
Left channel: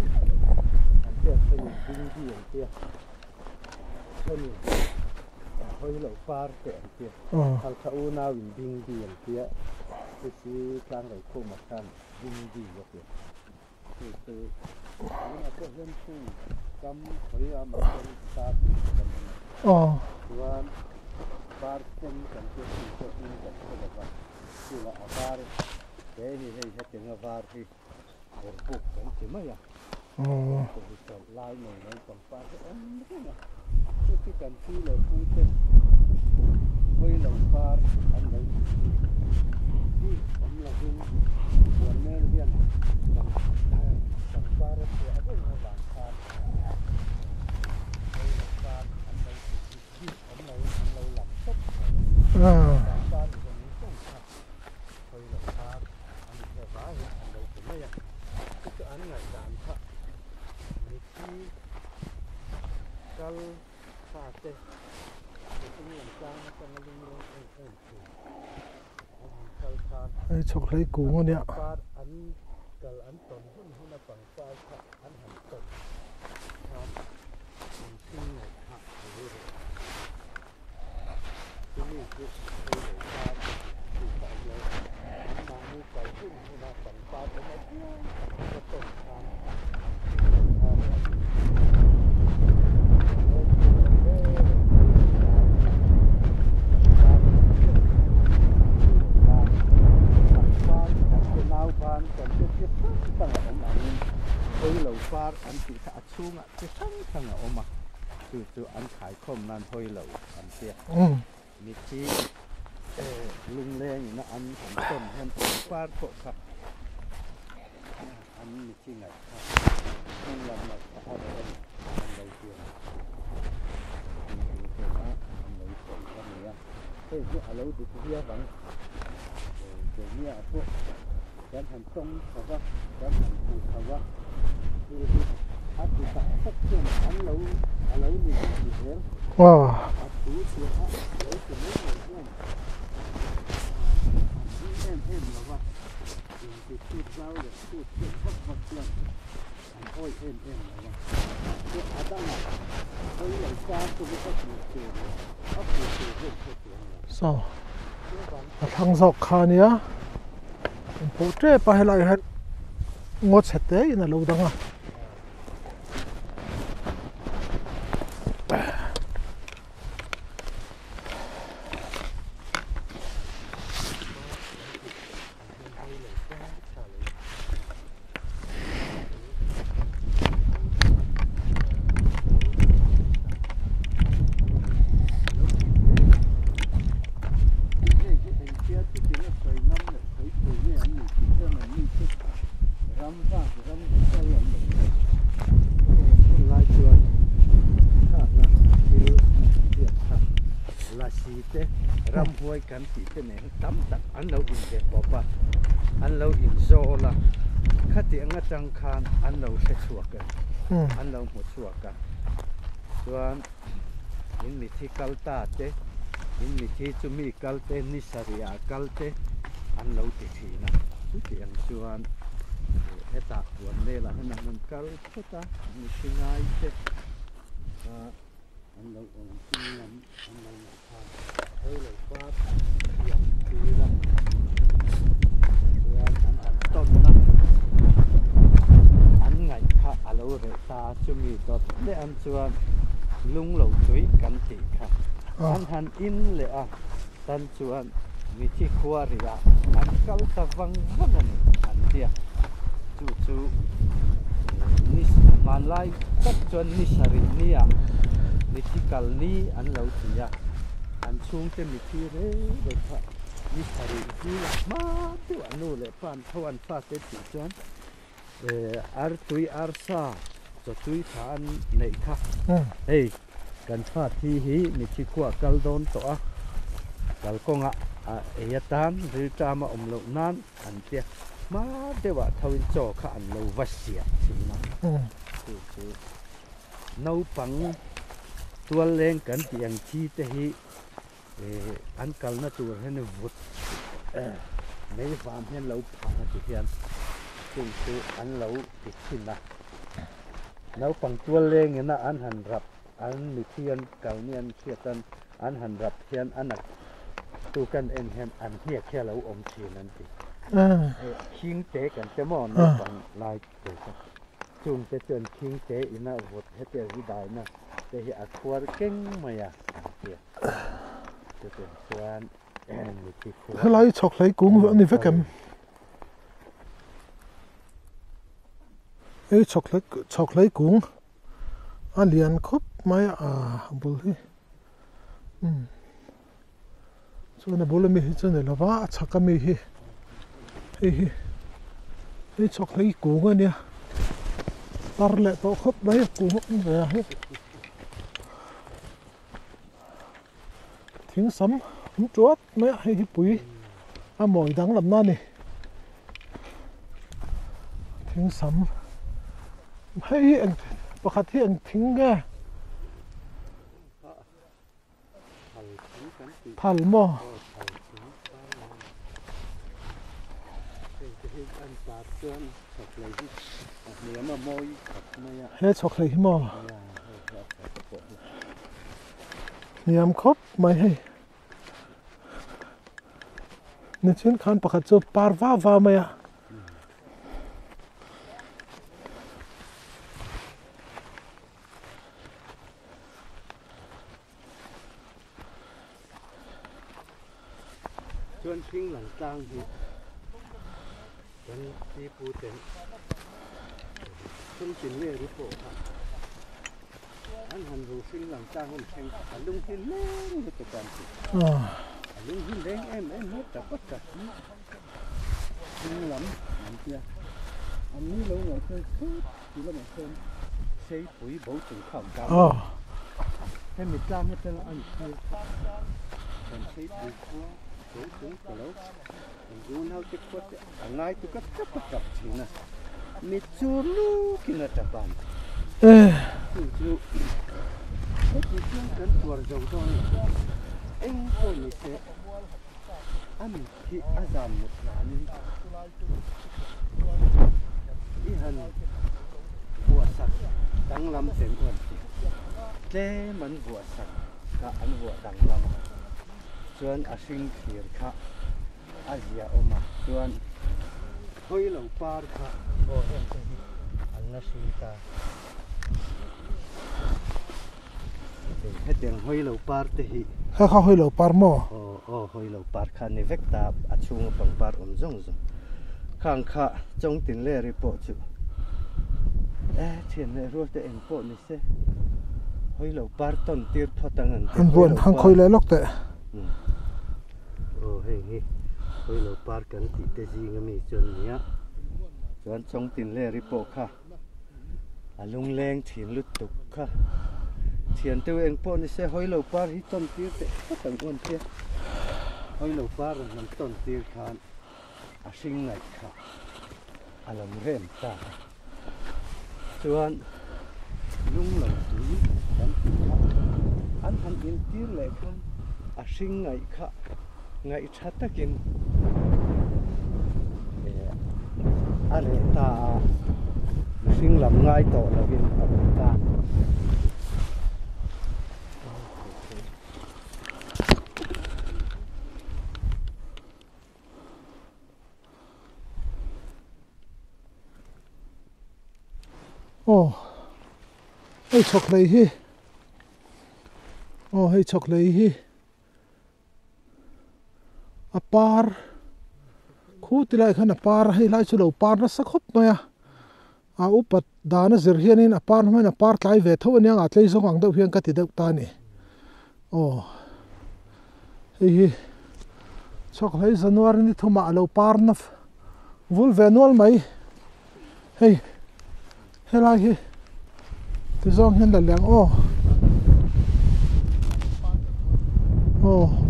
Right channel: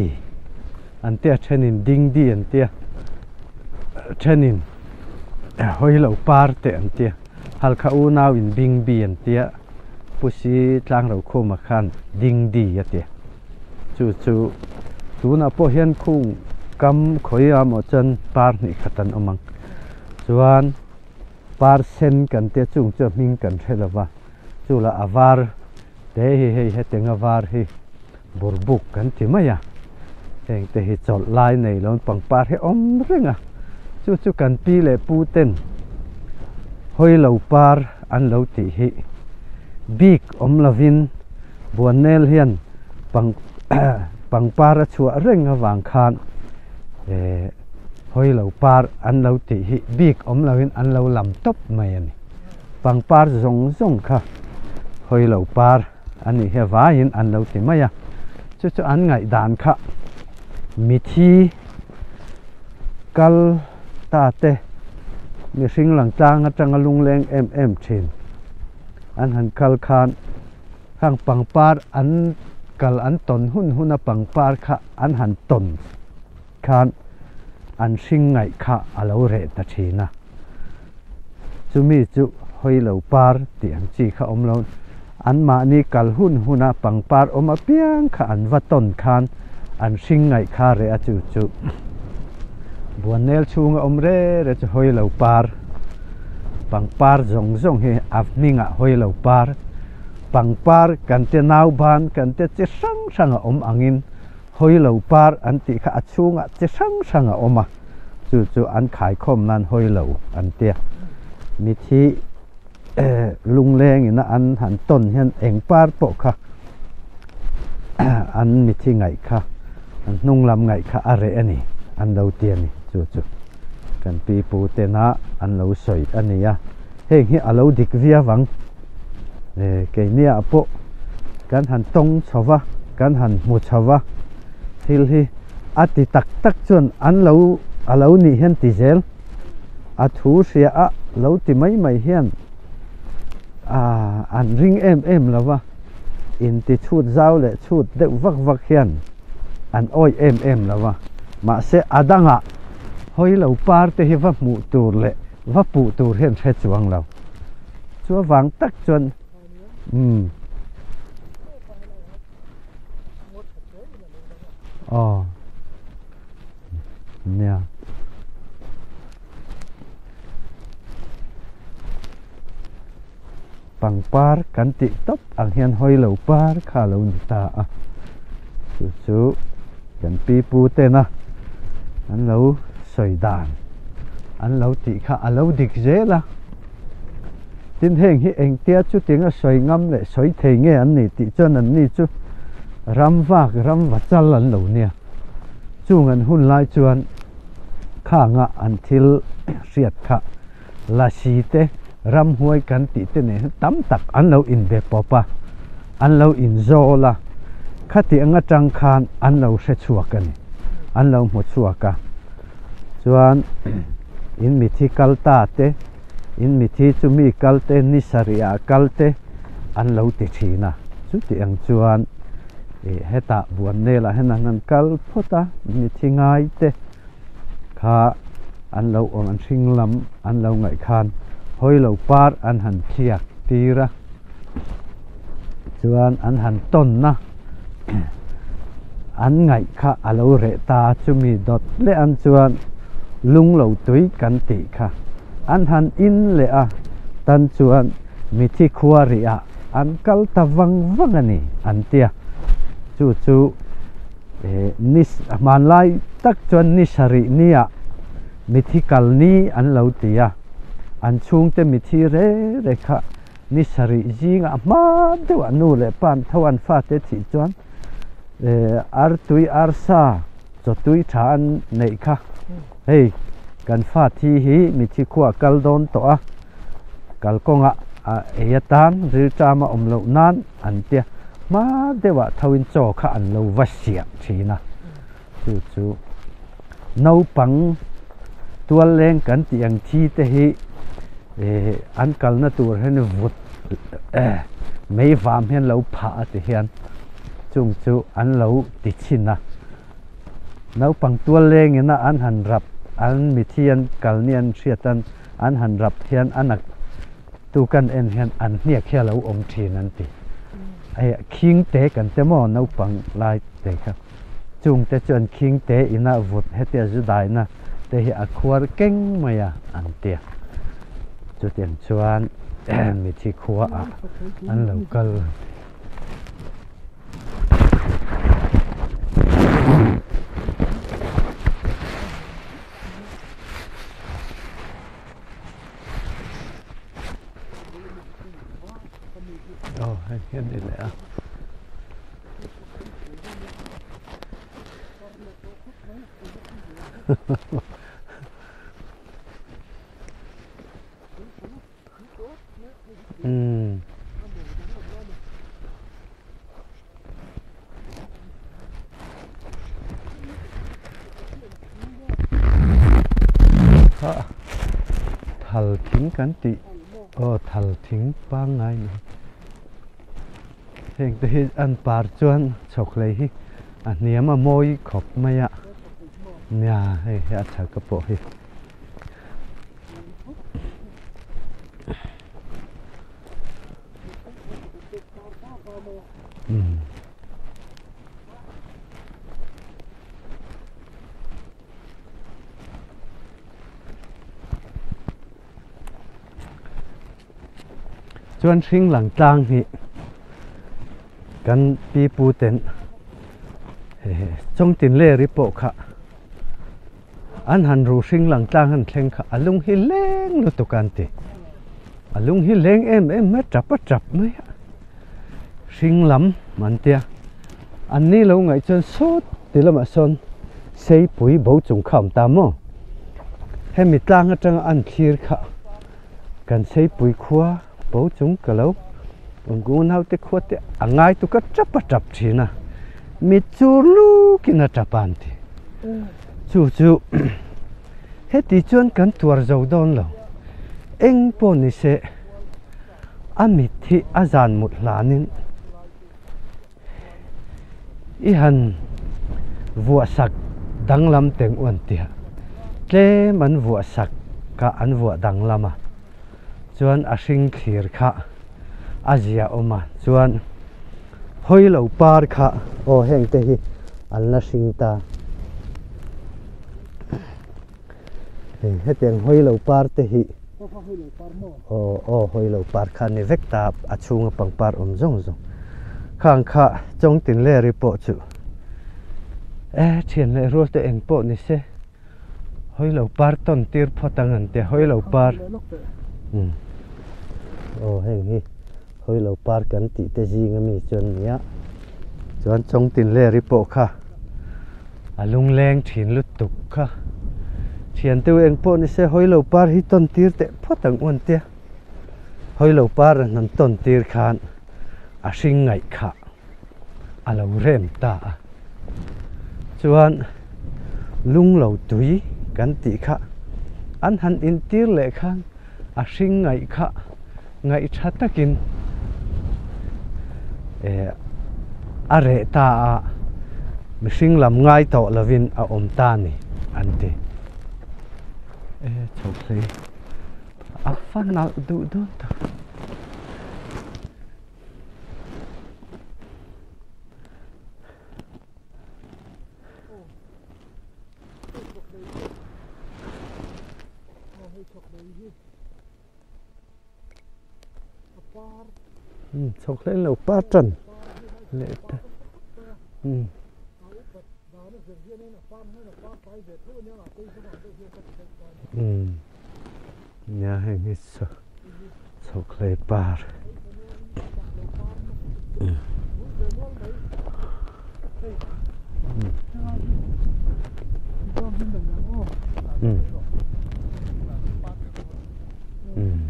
an tia thenin ding di an tia thenin hoi lo par te an tia hal kha u naw in bing bi an tia pusi tlang ro kho ma khan ding di ya tia chu chu tuna po hian khung kam khoi a mo chan par ni khatan omang chuan par sen kan tia chung chu ming kan thelawa chu la avar te hi he teng avar hi burbuk kan ti maya teng te hi chol lai nei lon pangpar he om renga chu chu kan pi le pu ten hoi lo par an lo ti hi big om lavin buanel hian pangpar a chua renga wang khan hoi lo par an lo ti hi big om lavin an lo lam top mai ani pangpar zong zong kha hoi lo par ani he vain an lo ti maya chu chu an ngai dan kha mi thi kal ta te mi sing lang tang atang lung leng em thin an han kal khan khang pangpar an kal an ton hun a pangpar kha an han ton khan an sing ngai kha alo re ta thina chumi chu hoi lo par tiang chi kha om lo an ma ni kal huna pangpar om a piang kha an va ton khan an sing ngai kha re a chu chu wanel chung om re chu hoi lo par pangpar zong zong he afninga hoi lo par pangpar kan te nau ban kan te che sang om angin hoi lo par an ti kha achunga che sang oma chu chu an khai khom nan hoi lo an tia mi thi lung leng ina an han ton hen eng par po kha an mi thi ngai kha nung lam ngai kha are ani an lo tian chu chu kan pi pu te na an lo soi ania heng hi alo dik via wang ke nia po kan han tong chawa kan han mu chawa thil hi ati tak tak chon an lo alo ni hen ti zel a thu sia a lo ti mai hian an ring em lawa in ti chut zau le chut de vak hian an oi em lawa ma se adanga hoi lo par te hi va mu tur le va pu tur hen the chuang lo chua wang tak chon sok khania po tre pa helai het ngot sete in lo danga nia pangpar kan ti top ang hian hoi lo par kha lo ni ta a chu kan pi pu te na an lo soi dan an lo ti kha a lo dik zela tin heng hi eng tia chu tinga soi ngam le soi thei nge an ni ti chon an ni chu ram wa chal an lo nia chung an hun lai chuan kha nga an thil riat kha la si te ram huai kan ti te ne tam tak an lo in ve popa an lo in zola khati anga tang khan an lo hre chuakan an lo mu chuaka chuan in mi thi kalta te in mi thi chu mi kalte ni saria kalte an lo ti thina chu ti ang chuan heta buan ne la henan nan kal phota mi thi ngai te kha an lo ong an thing lam an lo ngai khan hoi lo par an han thiak tira chuan an han ton na an ngai kha alo re ta chumi dot le an chuan lung lo chui kan ti kha an han in le a tan chuan mi thi khuari a an kal ta wang ani an tia chu chu nis man lai tak chuan ni sari nia mi thi kal ni an lo tia an chung te mi thi re kha ni sari jinga ma du anu le pan thawan fa te ti chuan ar tui ar sa cho tui thả ăn này kha hey kan phát thi hi mi thi khua kal don to a kal konga a tan ri cha ma lo nan an tia ma dewa thawin cho kha an lo vasia thina chu nau pang tual leng kan tiang chi te hi an kal na tur hen vut mấy vam hen lo pha te hian chung chu an lo ti china nau pang tual leng ina an han rap an mi thian kal nian riatan an han rap hian anak tu kan en hian an hnia khia lo om thin an ti ai king te kan te mo nau pang lai te kha chung te chon king te ina vut hetia zu dai na te hi a khuar keng maya an tia chu tian chuan mi thi khuar lai chok lai kung lo ni vekem chok lai kung an lian khop mai a de hi so na bole mi hi chane lawa chaka mi hi hai hian ni le hi chok lai kung ania tar le to khop mai kung ve hi thing sam hum chuat mai hi pui a moi dang lam na ni thing sam hei anh pakhat hi an thing ge thal thing kan ti thal mo thal thing pang ngai ni heng te hi an par chuan chok lei hi a niam a moi khop mai a he chok lei mo nya hei he a thal ka po hi niam khop mai hei ni chen khan pakhat chu par va mai a chuan hring lang tlang hi kan pi pu ten trong tin le ri po kha an han ru hring lang tlang han thleng kha alung hi leng lu to kan ti alung hi leng em ma trap mai hring lam man tia an ni lo ngai chuan sot ti lama son sei pui bo chung kham ta mo he mi tlang atang an thlir kha kan sei pui khua bố chúng cả lâu ông nào te khuất te angai tu ka chap thina mi chu lu kina chapan ti chu he ti chuan kan tuar zo don lo eng po ni se ami thi azan mut lanin i han vua sak danglam teng on ti tle man vua sak ka an vua danglama chuan a hring khir kha a zia oma chuan hoi lo par kha heng te hi an la hring ta he teng hoi lo par te hi kha hoi lo par mo hoi lo par kha ni vek ta a chunga pang par zong khang kha chong tin le ri po chu thian le ro te eng po ni se hoi lo par ton tir photang an te hoi lo par hoi le lok te hei hi hoi lo par kan ti te ji ngami chon nia chuan chong tin le ri po kha alung leng thin lu tuk kha thian tu eng po ni se hoi lo par hi ton tir te photang on te hoi lo par nan ton tir khan a hring ngai kha alo rem ta chuan lung lo tui kan ti kha an han in tir le khan a hring ngai kha ngai tha takin a re ta hring lam ngai to lovin a om ta ni an ti chok si a fan na du ta hei chok lei hi hei chok lei hi a par chok lei lo par tan a par hei lai chu lo par na sakhop noya a upat dana zir hianin a par hmain a par tlai ve tho aniang a tlei zong ang deuh hian ka ti deuh ta ni nya hei hi hi chok lei pa chok lei january ni thoma lo par na vul ve nual mai hei helai hi thì do nhân là lẹng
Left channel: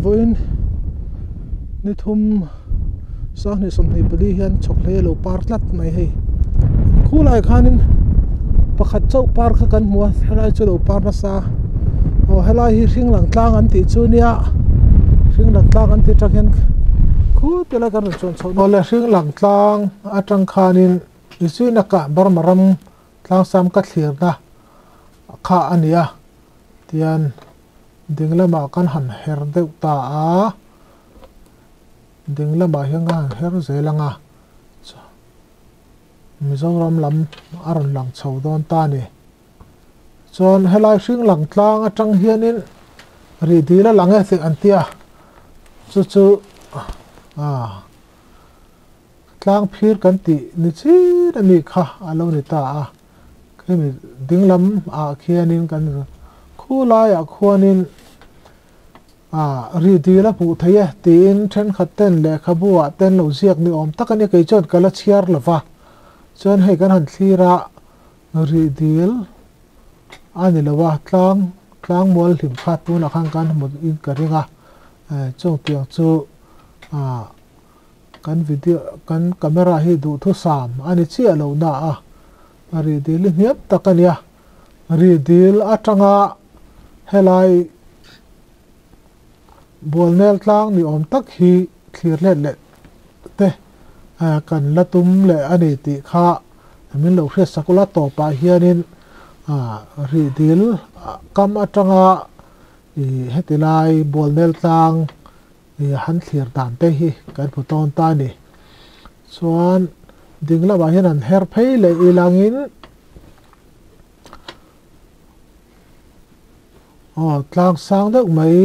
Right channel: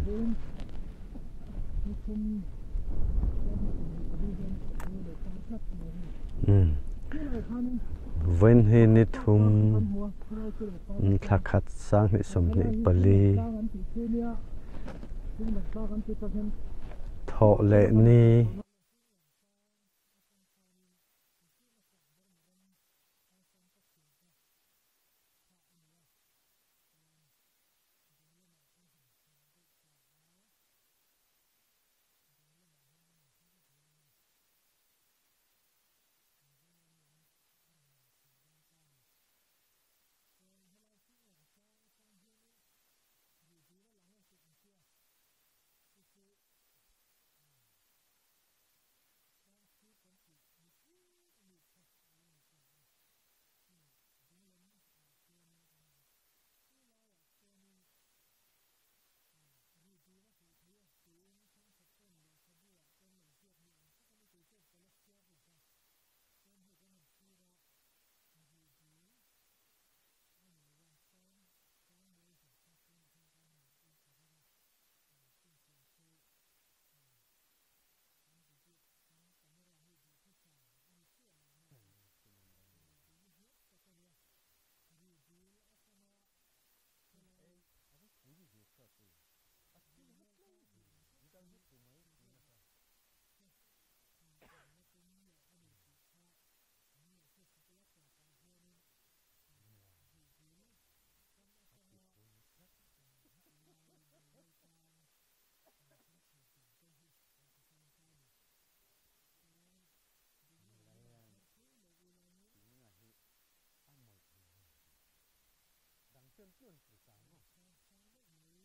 với nít thum sáng nay sớm nay beli hiền chọc hay lâu park lát này hay khu lại khanin pakhat chau park kan mua helai chu lâu park na sa helai hi hring lang tlang an ti chu nia hring lang tlang an ti trak hian khu te la kan chon chon le hring lang tlang atang khanin isui na ka bar maram tlang sam ka thlir na kha ania tian dinglama kan han her deuh ta a dinglama hianga her zelanga Mizoram lam aron lang chho don ta ni chon helai hring lang tlang atang hianin ri dila lange se antia chu tlang phir kan ti ni chi na mi kha alo ni ta a kemi dinglam a khianin kan khu lai a khuanin ri dila pu thaya tin then khaten le khabua ten lo ziak ni om takani kai chon kala chiar lova chon hei kan han thira ri dil ani lawa tlang mol hlim khat tu na khang kan mod in karinga chong piang chu kan video kan camera hi du thu sam ani chi alo na ri dil hiap takania ri dil atanga helai bolnel tlang ni om tak hi clear le te kan latum le ani ti kha min lo hre sakula to pa hianin ri dil kam atanga hetilai bolnel tlang han thlir dan te hi kan puton ta ni chuan dingla ba hian an her phei le ilangin tlang sang deuh mai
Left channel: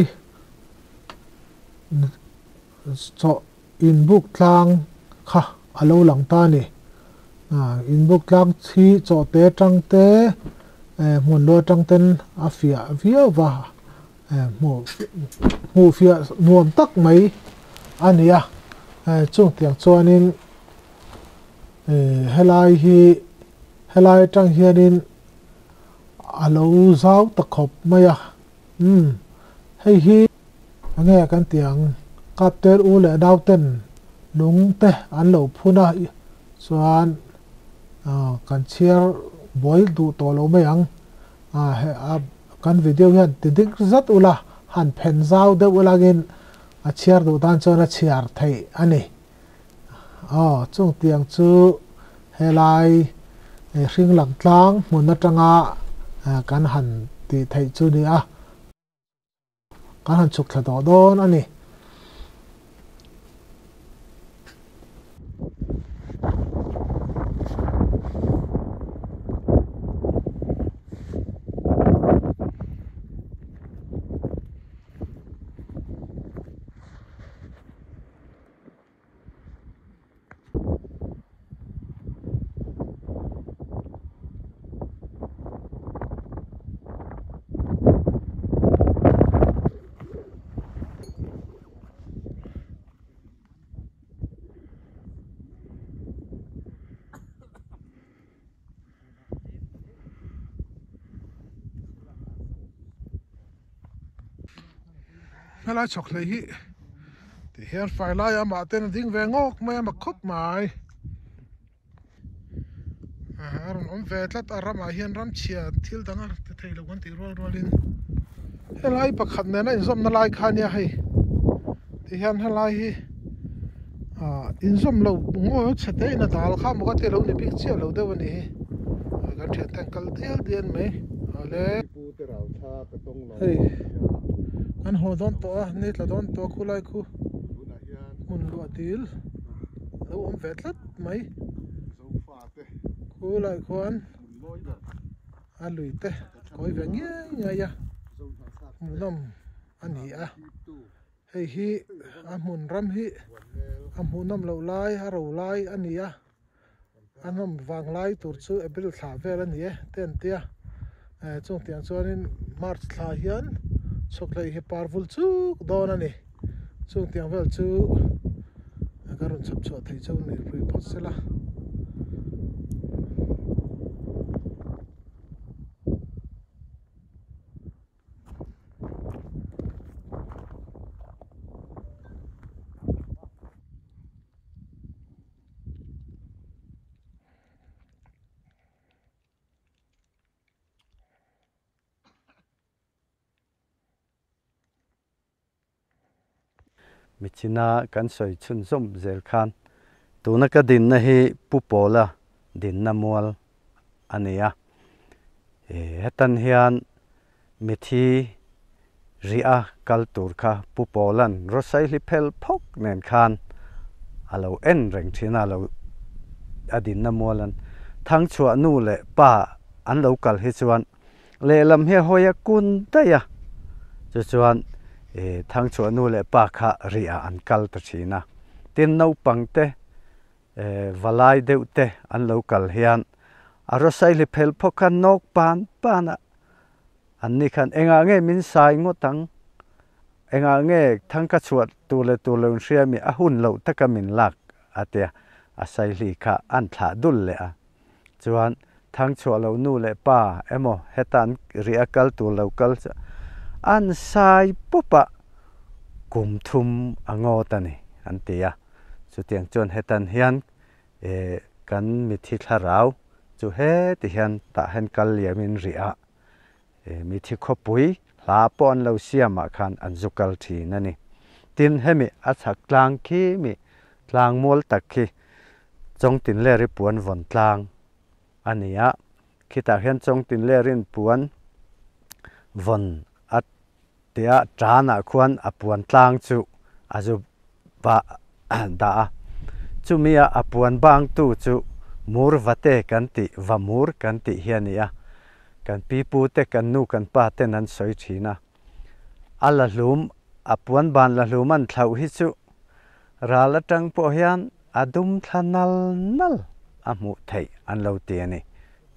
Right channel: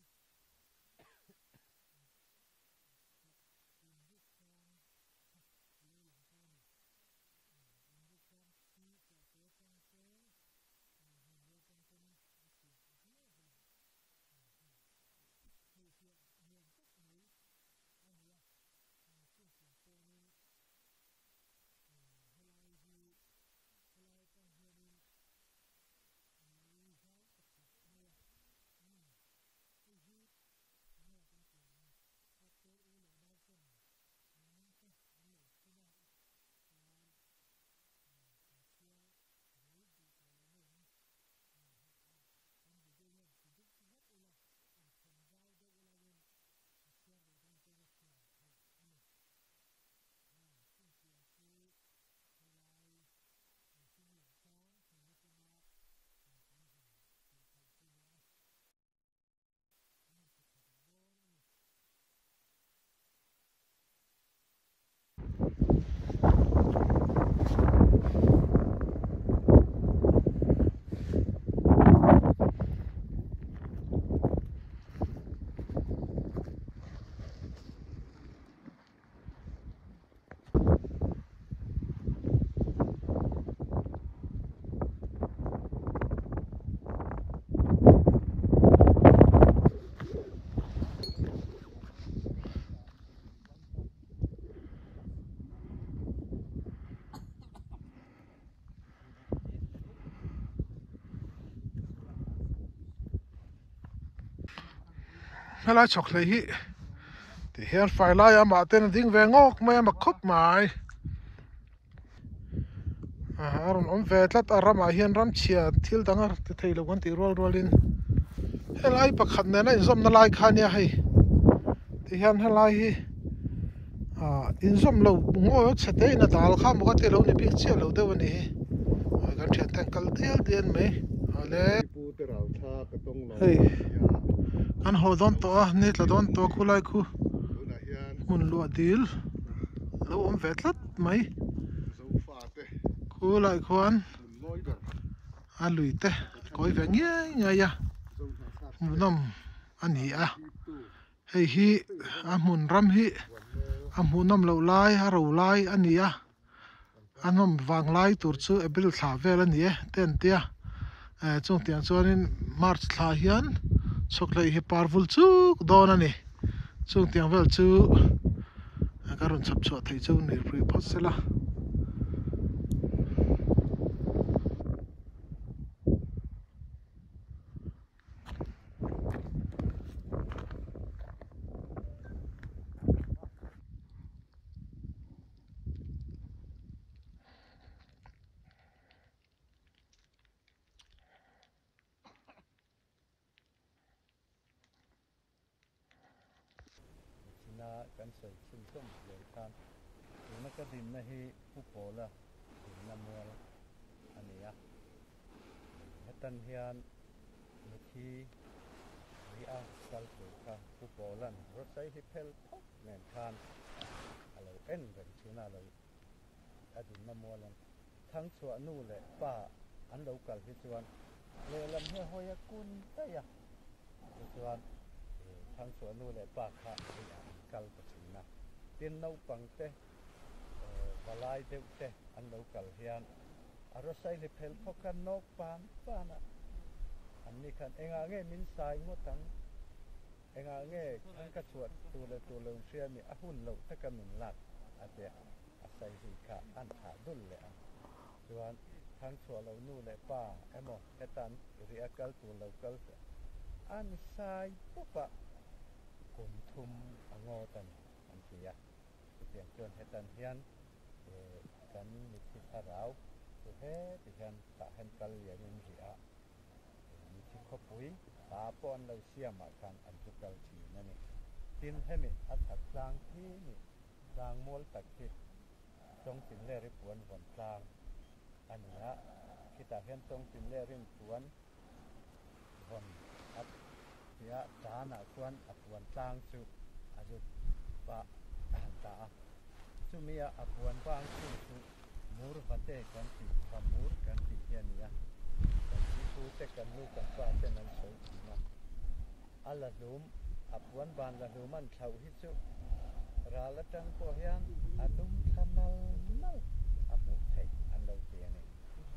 cho in book tlang kha alo lang ta ni in book tlang chi cho te tang te mun lo tang ten afia via wa mu fia nuam tak mai ania chung tiang chuanin helai tang hianin alo zau ta khop maya hei hi nghe kan tiang kapter u le dauten lung te an lo phuna chuan kan chiar boil du to lo mayang kan video hian tidik zat ula han phen zau de ulagin a chiar du dan chona chiar thei ani chung tiang chu helai hring lang tlang mun na tanga kan han ti thei chu ni kan han chuk thla do don ani helai chok le hi ti hian fai lai ama ten ding ve ngok mai ama khop mai aron om ve tlat arama hian ram chia thil danga te thei lo kan ti rolin helai pakhat ne na inzom na lai khania hei ti hian helai hi inzom lo ngo chate na dal kha mo ka te lo ni pik chia lo de wani kan thian tang kal tel dian mai ale pu te rau tha ka tong lo an ho don to ne tla don to khulai khu mun lo dil lo om vetlat mai khulai khuan a lui te koi ve nge ya nom ani hei hi a mun ram hi a munom lo lai a ro lai ani anom wang lai tur chu april thla vel ani ten tia chung tiang chuanin march thla hian choklai hi parvul chu don ani chung tiang vel chu karun chap chho thei chu ni ri phosela มิชินากันสอยชุนส้มเจลคันตัวนักดินนะฮีปุโปละดินน้ำมัวอันนี้อ่ะเฮตันเฮียนมิธีรีอาคัลตูร์ค่ะปุโปลันรถไซลิเพลพกเนินคันเราเอ็นเร่งที่น่าเราอดินน้ำมัวลันทั้งชัวนู่เลยป้าอันเรากัลฮิจวนเลลำเฮียหอยกุนได้ยะจวนทั้งชัวนู่เลยป้าค่ะรีอาอันกัลตัชีนะตินนูปังเตวลายเดือดเตอันเรากัลเฮียนอารมณ์ใส่ลิเพลพกันนกปานอ่ะอันนี้คันเองอ่ะเงี้ยมินสายงดทั้งเองอ่ะเงี้ยทั้งกระชวดตัวเลงเชียมีอาหุ่นเราตะกมินหลักอาเตียอาศัยลีค่ะอันถาดุลเลยอ่ะจวนทั้งชัวเรานู่เลยป้าโมเฮตันเรียกัลตัวเรากัลอันสายปุ๊บอะกุมทุมอ่างอตันนี่อันเตียสุดที่จวนเฮตันเฮียนกันมิทิคลาราวจูเฮติเฮียนตาเห็นกัลเลียมินเรียมิทิขบุยลาปอนเราเสียมาคันอันจุกัลทีนั่นนี่ตินเฮมิอัศกลางคีมิกลางมัวตักคีจงตินเลริปวนวันกลางอันนี้อ่ะคิดตาเห็นจงตินเลรินปวนวันอัดเดียจานะควรอปวนกลางจูอาจุบะดาจูมีอปวนบางตู้จูมูร์วัตเตกันติวามูร์กันติเฮียนี่อ่ะกันปีปูเตกันนูกันป้าเตนันสอยทีนะอัลลุมอปวนบานละลุมันเท่าฮิจูราละจังปอเฮียนอดุมทานัลอามุไทยอันเราเตียนี่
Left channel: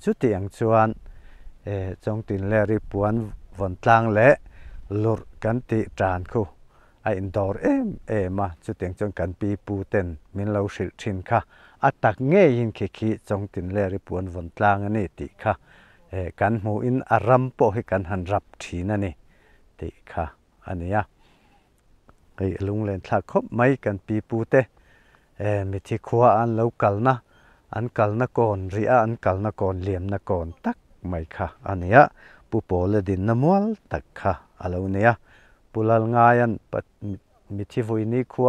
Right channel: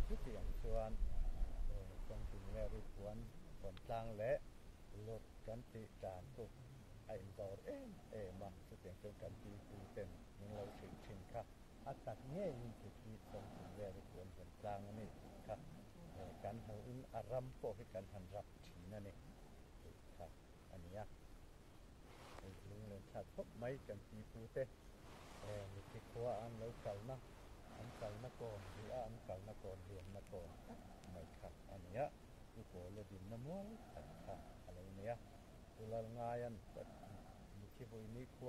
สุดที่ยังชวนจงตินเลริปวนวันกลางเละลุรกันติจานคูไออินดอร์มาจุดที่ยังจงกันปีปูเต็นมินเราสิชินค่ะอัตักเงี้ยยินขี้จงตินเลริปวนวันกลางนี่ติค่ะกันหูอินอารัมโปให้กันหันรับทีนั่นนี่ติค่ะอันนี้อ่ะไอลุงเล่นทักคบไม่กันปีปูเตมิที่ขัวอันเรากัลนะอันกัลนักอนเรียอันกัลนักอนเลียมนักอนตักไม่ค่ะอันนี้ปุโปเลดินน้ำมัวตักค่ะอะไรเนี่ยปุลลงายันมิที่วุยนี้ขัว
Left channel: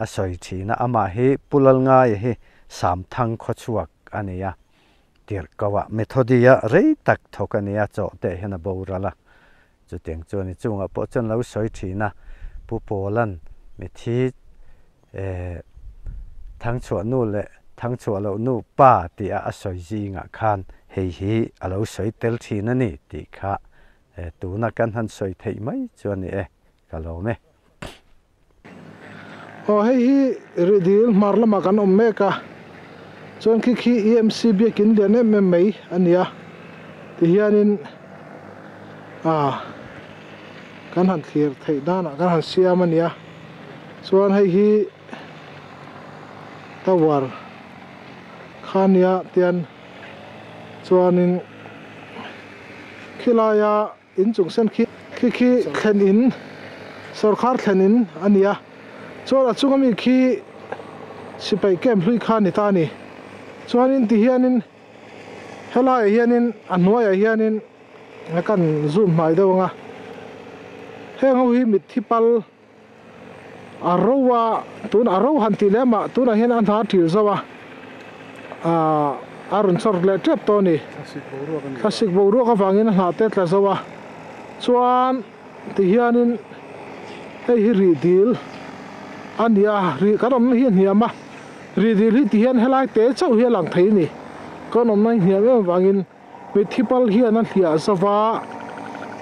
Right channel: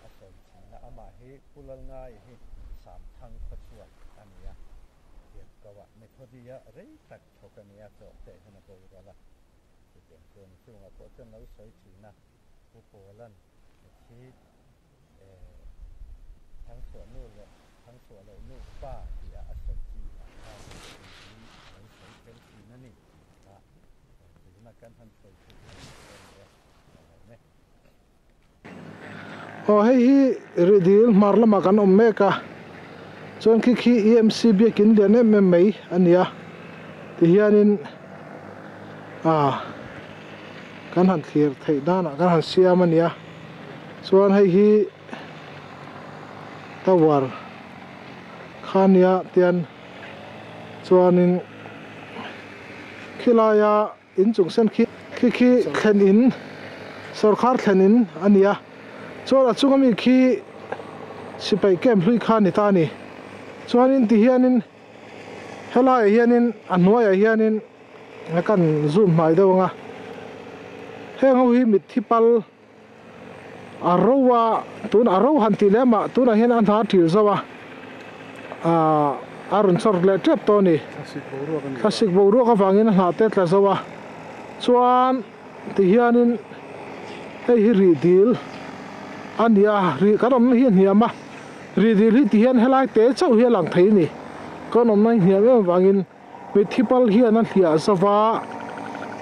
อาศัยทีนะอามาฮีปุลลงายฮีสามทังขชวกอันนี้เดี๋ยวก็ว่าเมทอดีอะเรตักทกันนี้โจเตะเห็นบ่าวละจุดเตียงจวนจุงอ่ะพอจนเราสอยทีนะปุโปลันมิที่ทั้งชัวนู่นเลยทั้งชัวเรานู่ป้าตีอาศัยจีงะคันเฮีเราสอยเตลทีนั่นนี่ตีค่ะตัวนักการหันสอยไทยไหมจวนนี่ก็เราไหมโอ้เฮ้ยรีดิลมาร์ลมากันอมเมกะจนขี้ EMCB กินเดือนนี้ไม่อันนี้ที่เฮียนินกันหันเขียร์ไทยด้านกันหันเสียมันเนี่ยส่วนให้ฮีตะวันข้านี้เตียนส่วนนึงขี้ลายอินจุงเส้นขี้เข็นอินสรคาร์เข็นอินอันนี้ส่วนจุงมีขี้สิไปเก็บลุยข้านิตานี่ส่วนนินที่เฮียนินเฮลายเฮียนินอันนัวเฮียนินแล้วกันซูมหมายเดียวงะเฮงเอาหิมิดที่ปัลอารวะตุนอารวหันติเลมาตุนเห็นอันหาถิลซะวะอารุณสร์เลเจ็บตัวนี้คลาสสิกบูรัวก็ฟังอินหาเตตละซะวะส่วนที่เฮียนินให้รีดิลอันนี้รีก็ต้องเฮียนเฮียมารีดิลที่เฮียนเฮลายเตะเจ้าเฮียหลังไทยนี่ก็น้องนั่งเฮียไม่ฟังอินมิดที่ปัลเฮียนั่นเฮียซะวะ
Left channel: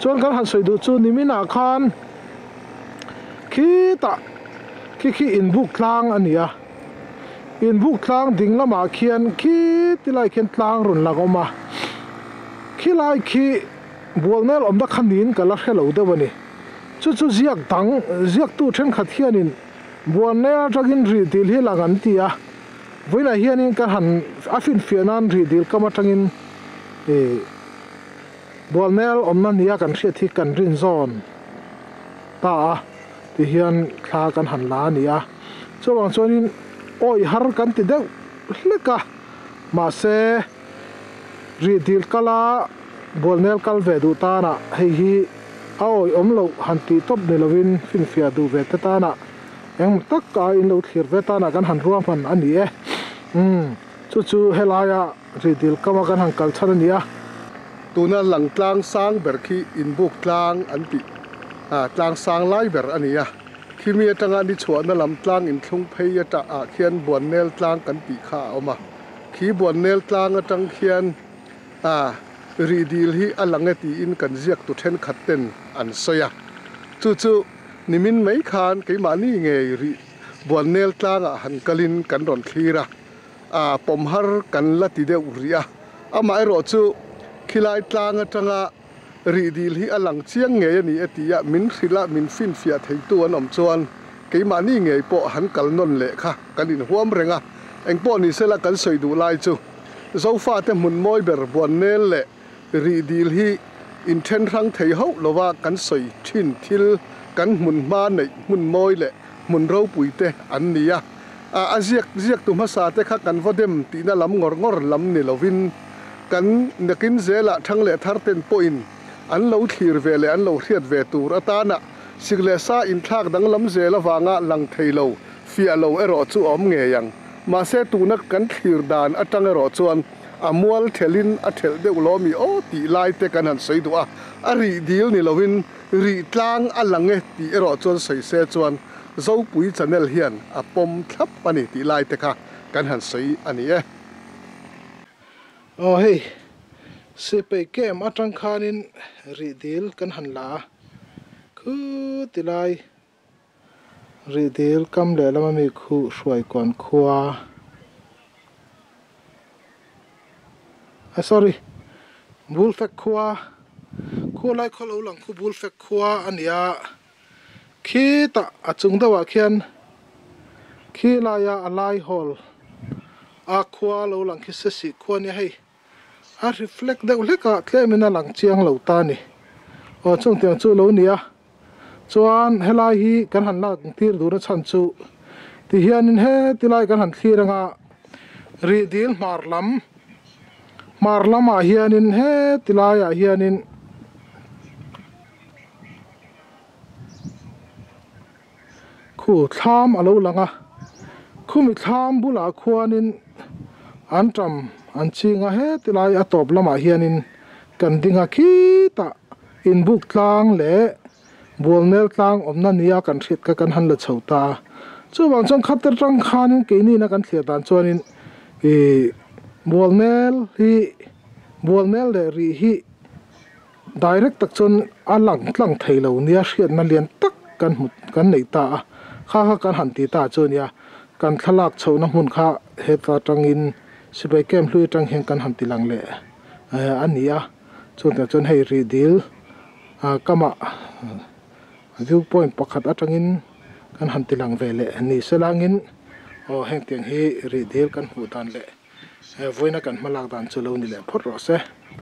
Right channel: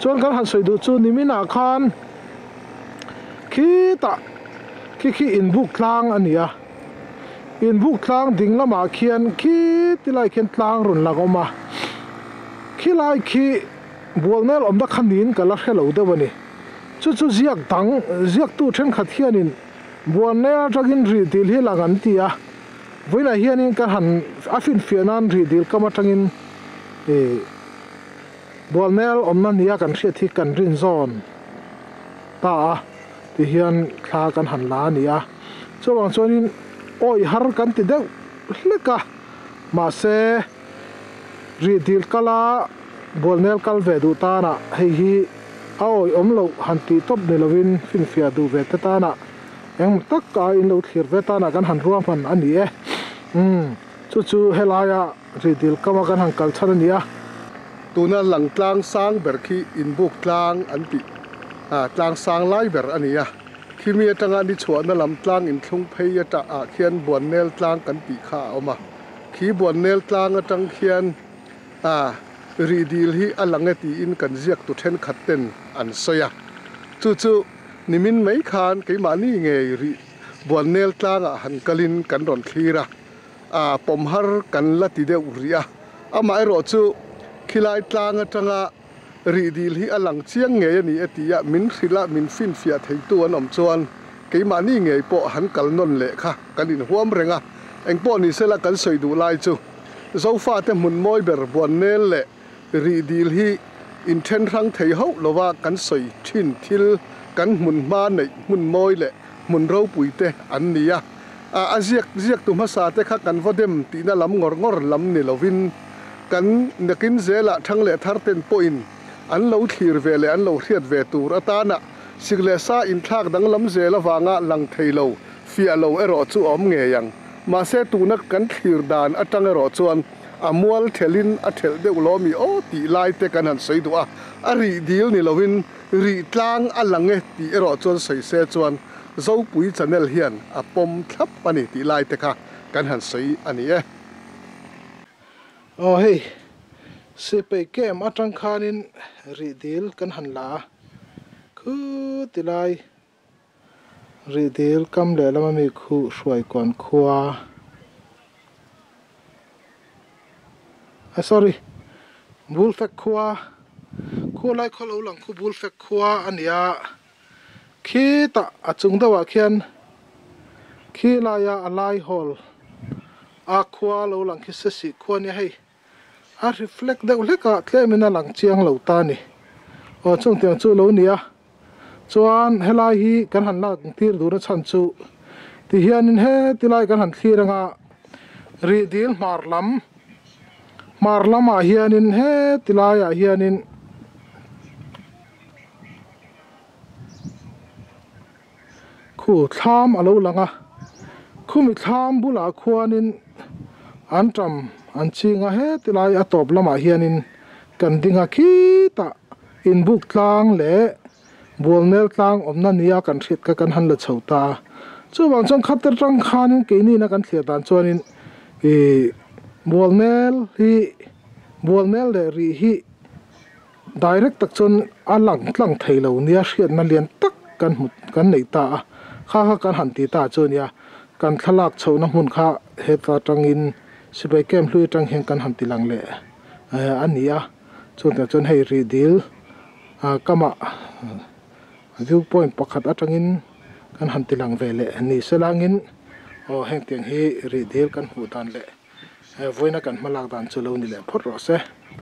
ส่วนการหันสวยดูจูนิมินาคานขี้อินบุกลางอันนี้อินบุกลางดิ่งละมาเขียนขี้ที่ไล่เขียนลางรุนละก็มาขี้ไล่ขี้บัวเนลอมดักขันดินกันละแค่เหล่าเดียวนี่จู่เสียกตังเสียกตู้เช่นขัดเฮียนินบัวเนลจะกินรีดิลเฮลังอันที่เวลาเฮียนินกันหันอาฟินเฟียนันรีดิลก็มาจังอินบัวเนลอมนั่นนี่กันเสียที่กันรินซอนตาที่เฮียนคลากันหันล้านี่ส่วนส่วนนี้โอ้ยฮาร์กันติดเด็กเล็กมาเซรีดิลกลาบอลเนลกัลเวดูตานะให้ฮี ao om lo han ti top de lovin fin fia du ve ta na eng tak ka in lo thir ve ta na kan han ruam han ani e chu helaya ridil kama kan han kal chan ania tuna lang tlang sang ber khi in buk tlang an ti tlang sang lai ber ania khimi atanga ni chhuana lam tlang in thlung phei ata a khian buan nel tlang kan ti kha oma khi buan nel tlang atang khian ri dil hi alange ti in kan ziak tu then khatten an soya chu nimin mai khan ke mani nge ri buan nel tlang a han kalin kan ron thira pom har kan la ti de uria ama ro chu khilai tlang atanga ri dil hi alang chiang nge ani atia min khila min fin fia thei tu an om chuan ke mani nge po han kal non le kha kanin huam renga engpo ni sela kan soi du lai chu zo fa te mun moi ber buan nel le ri dil hi in then rang thei ho lowa kan soi thin thil kan mun ma nei mun moi le mun ro pui te an nia ziak tu ma sa te kha kan vodem ti na lam ngor lam ni lovin kan nakin zela thang le thar ten point an lo thir ve le an lo riat ve tur atana sigle sa in thak dang lam zela wanga lang theilo fia lo ero chu om nge yang ma se tu na kan thir dan atang ero chuan amual thelin a thel de ulomi o ti lai te kan han sei du a ri dil ni lovin ri tlang alange ti ero chuan sei se chuan zo pui channel hian a pom thlap ani ti lai te kha kan han sei ani e hey se pe kem atang khanin ri dil kan han la khu tilai ri dil kam le lama mi khu hruai kon khua sorry bul fek khua lai kholo lang khu bul fek khua ania khi ta achung dawa khian khi la ya alai hol a khua lo lang khi se si khua ni hei a reflect de uleka klemina lang chiang lo ta ni o chung tiang chu lo nia chuan helai hi kan han la tir dur chan chu ti hianin he tilai kan han thiranga ri dil marlam a hianin he tilai a hianin khu thlam alo langa khumi thlam bula khuanin antram anchinga he tilai atop lama hianin kan dinga khita in buk tlang le bolnel tlang omna nia kan thit ka kan han la chhota chu wang chang khatar tang khanin ke ni na kan thlia dan chuanin bolnel le ri hi direct tak chon alang tlang theilo nia hriat na lian tak kan nei ta kha kan han ti ta chunia kan thalak chhona hun kha he ta tangin sibai kem hlui tang heng kan han ti lang le ania chon hei ri dil kama viewpoint pakhat atangin kan han ti lang ve le ni selangin heng tiang hi ri dil kan hu dan le voina kan malak dan chulo ni le phot ro se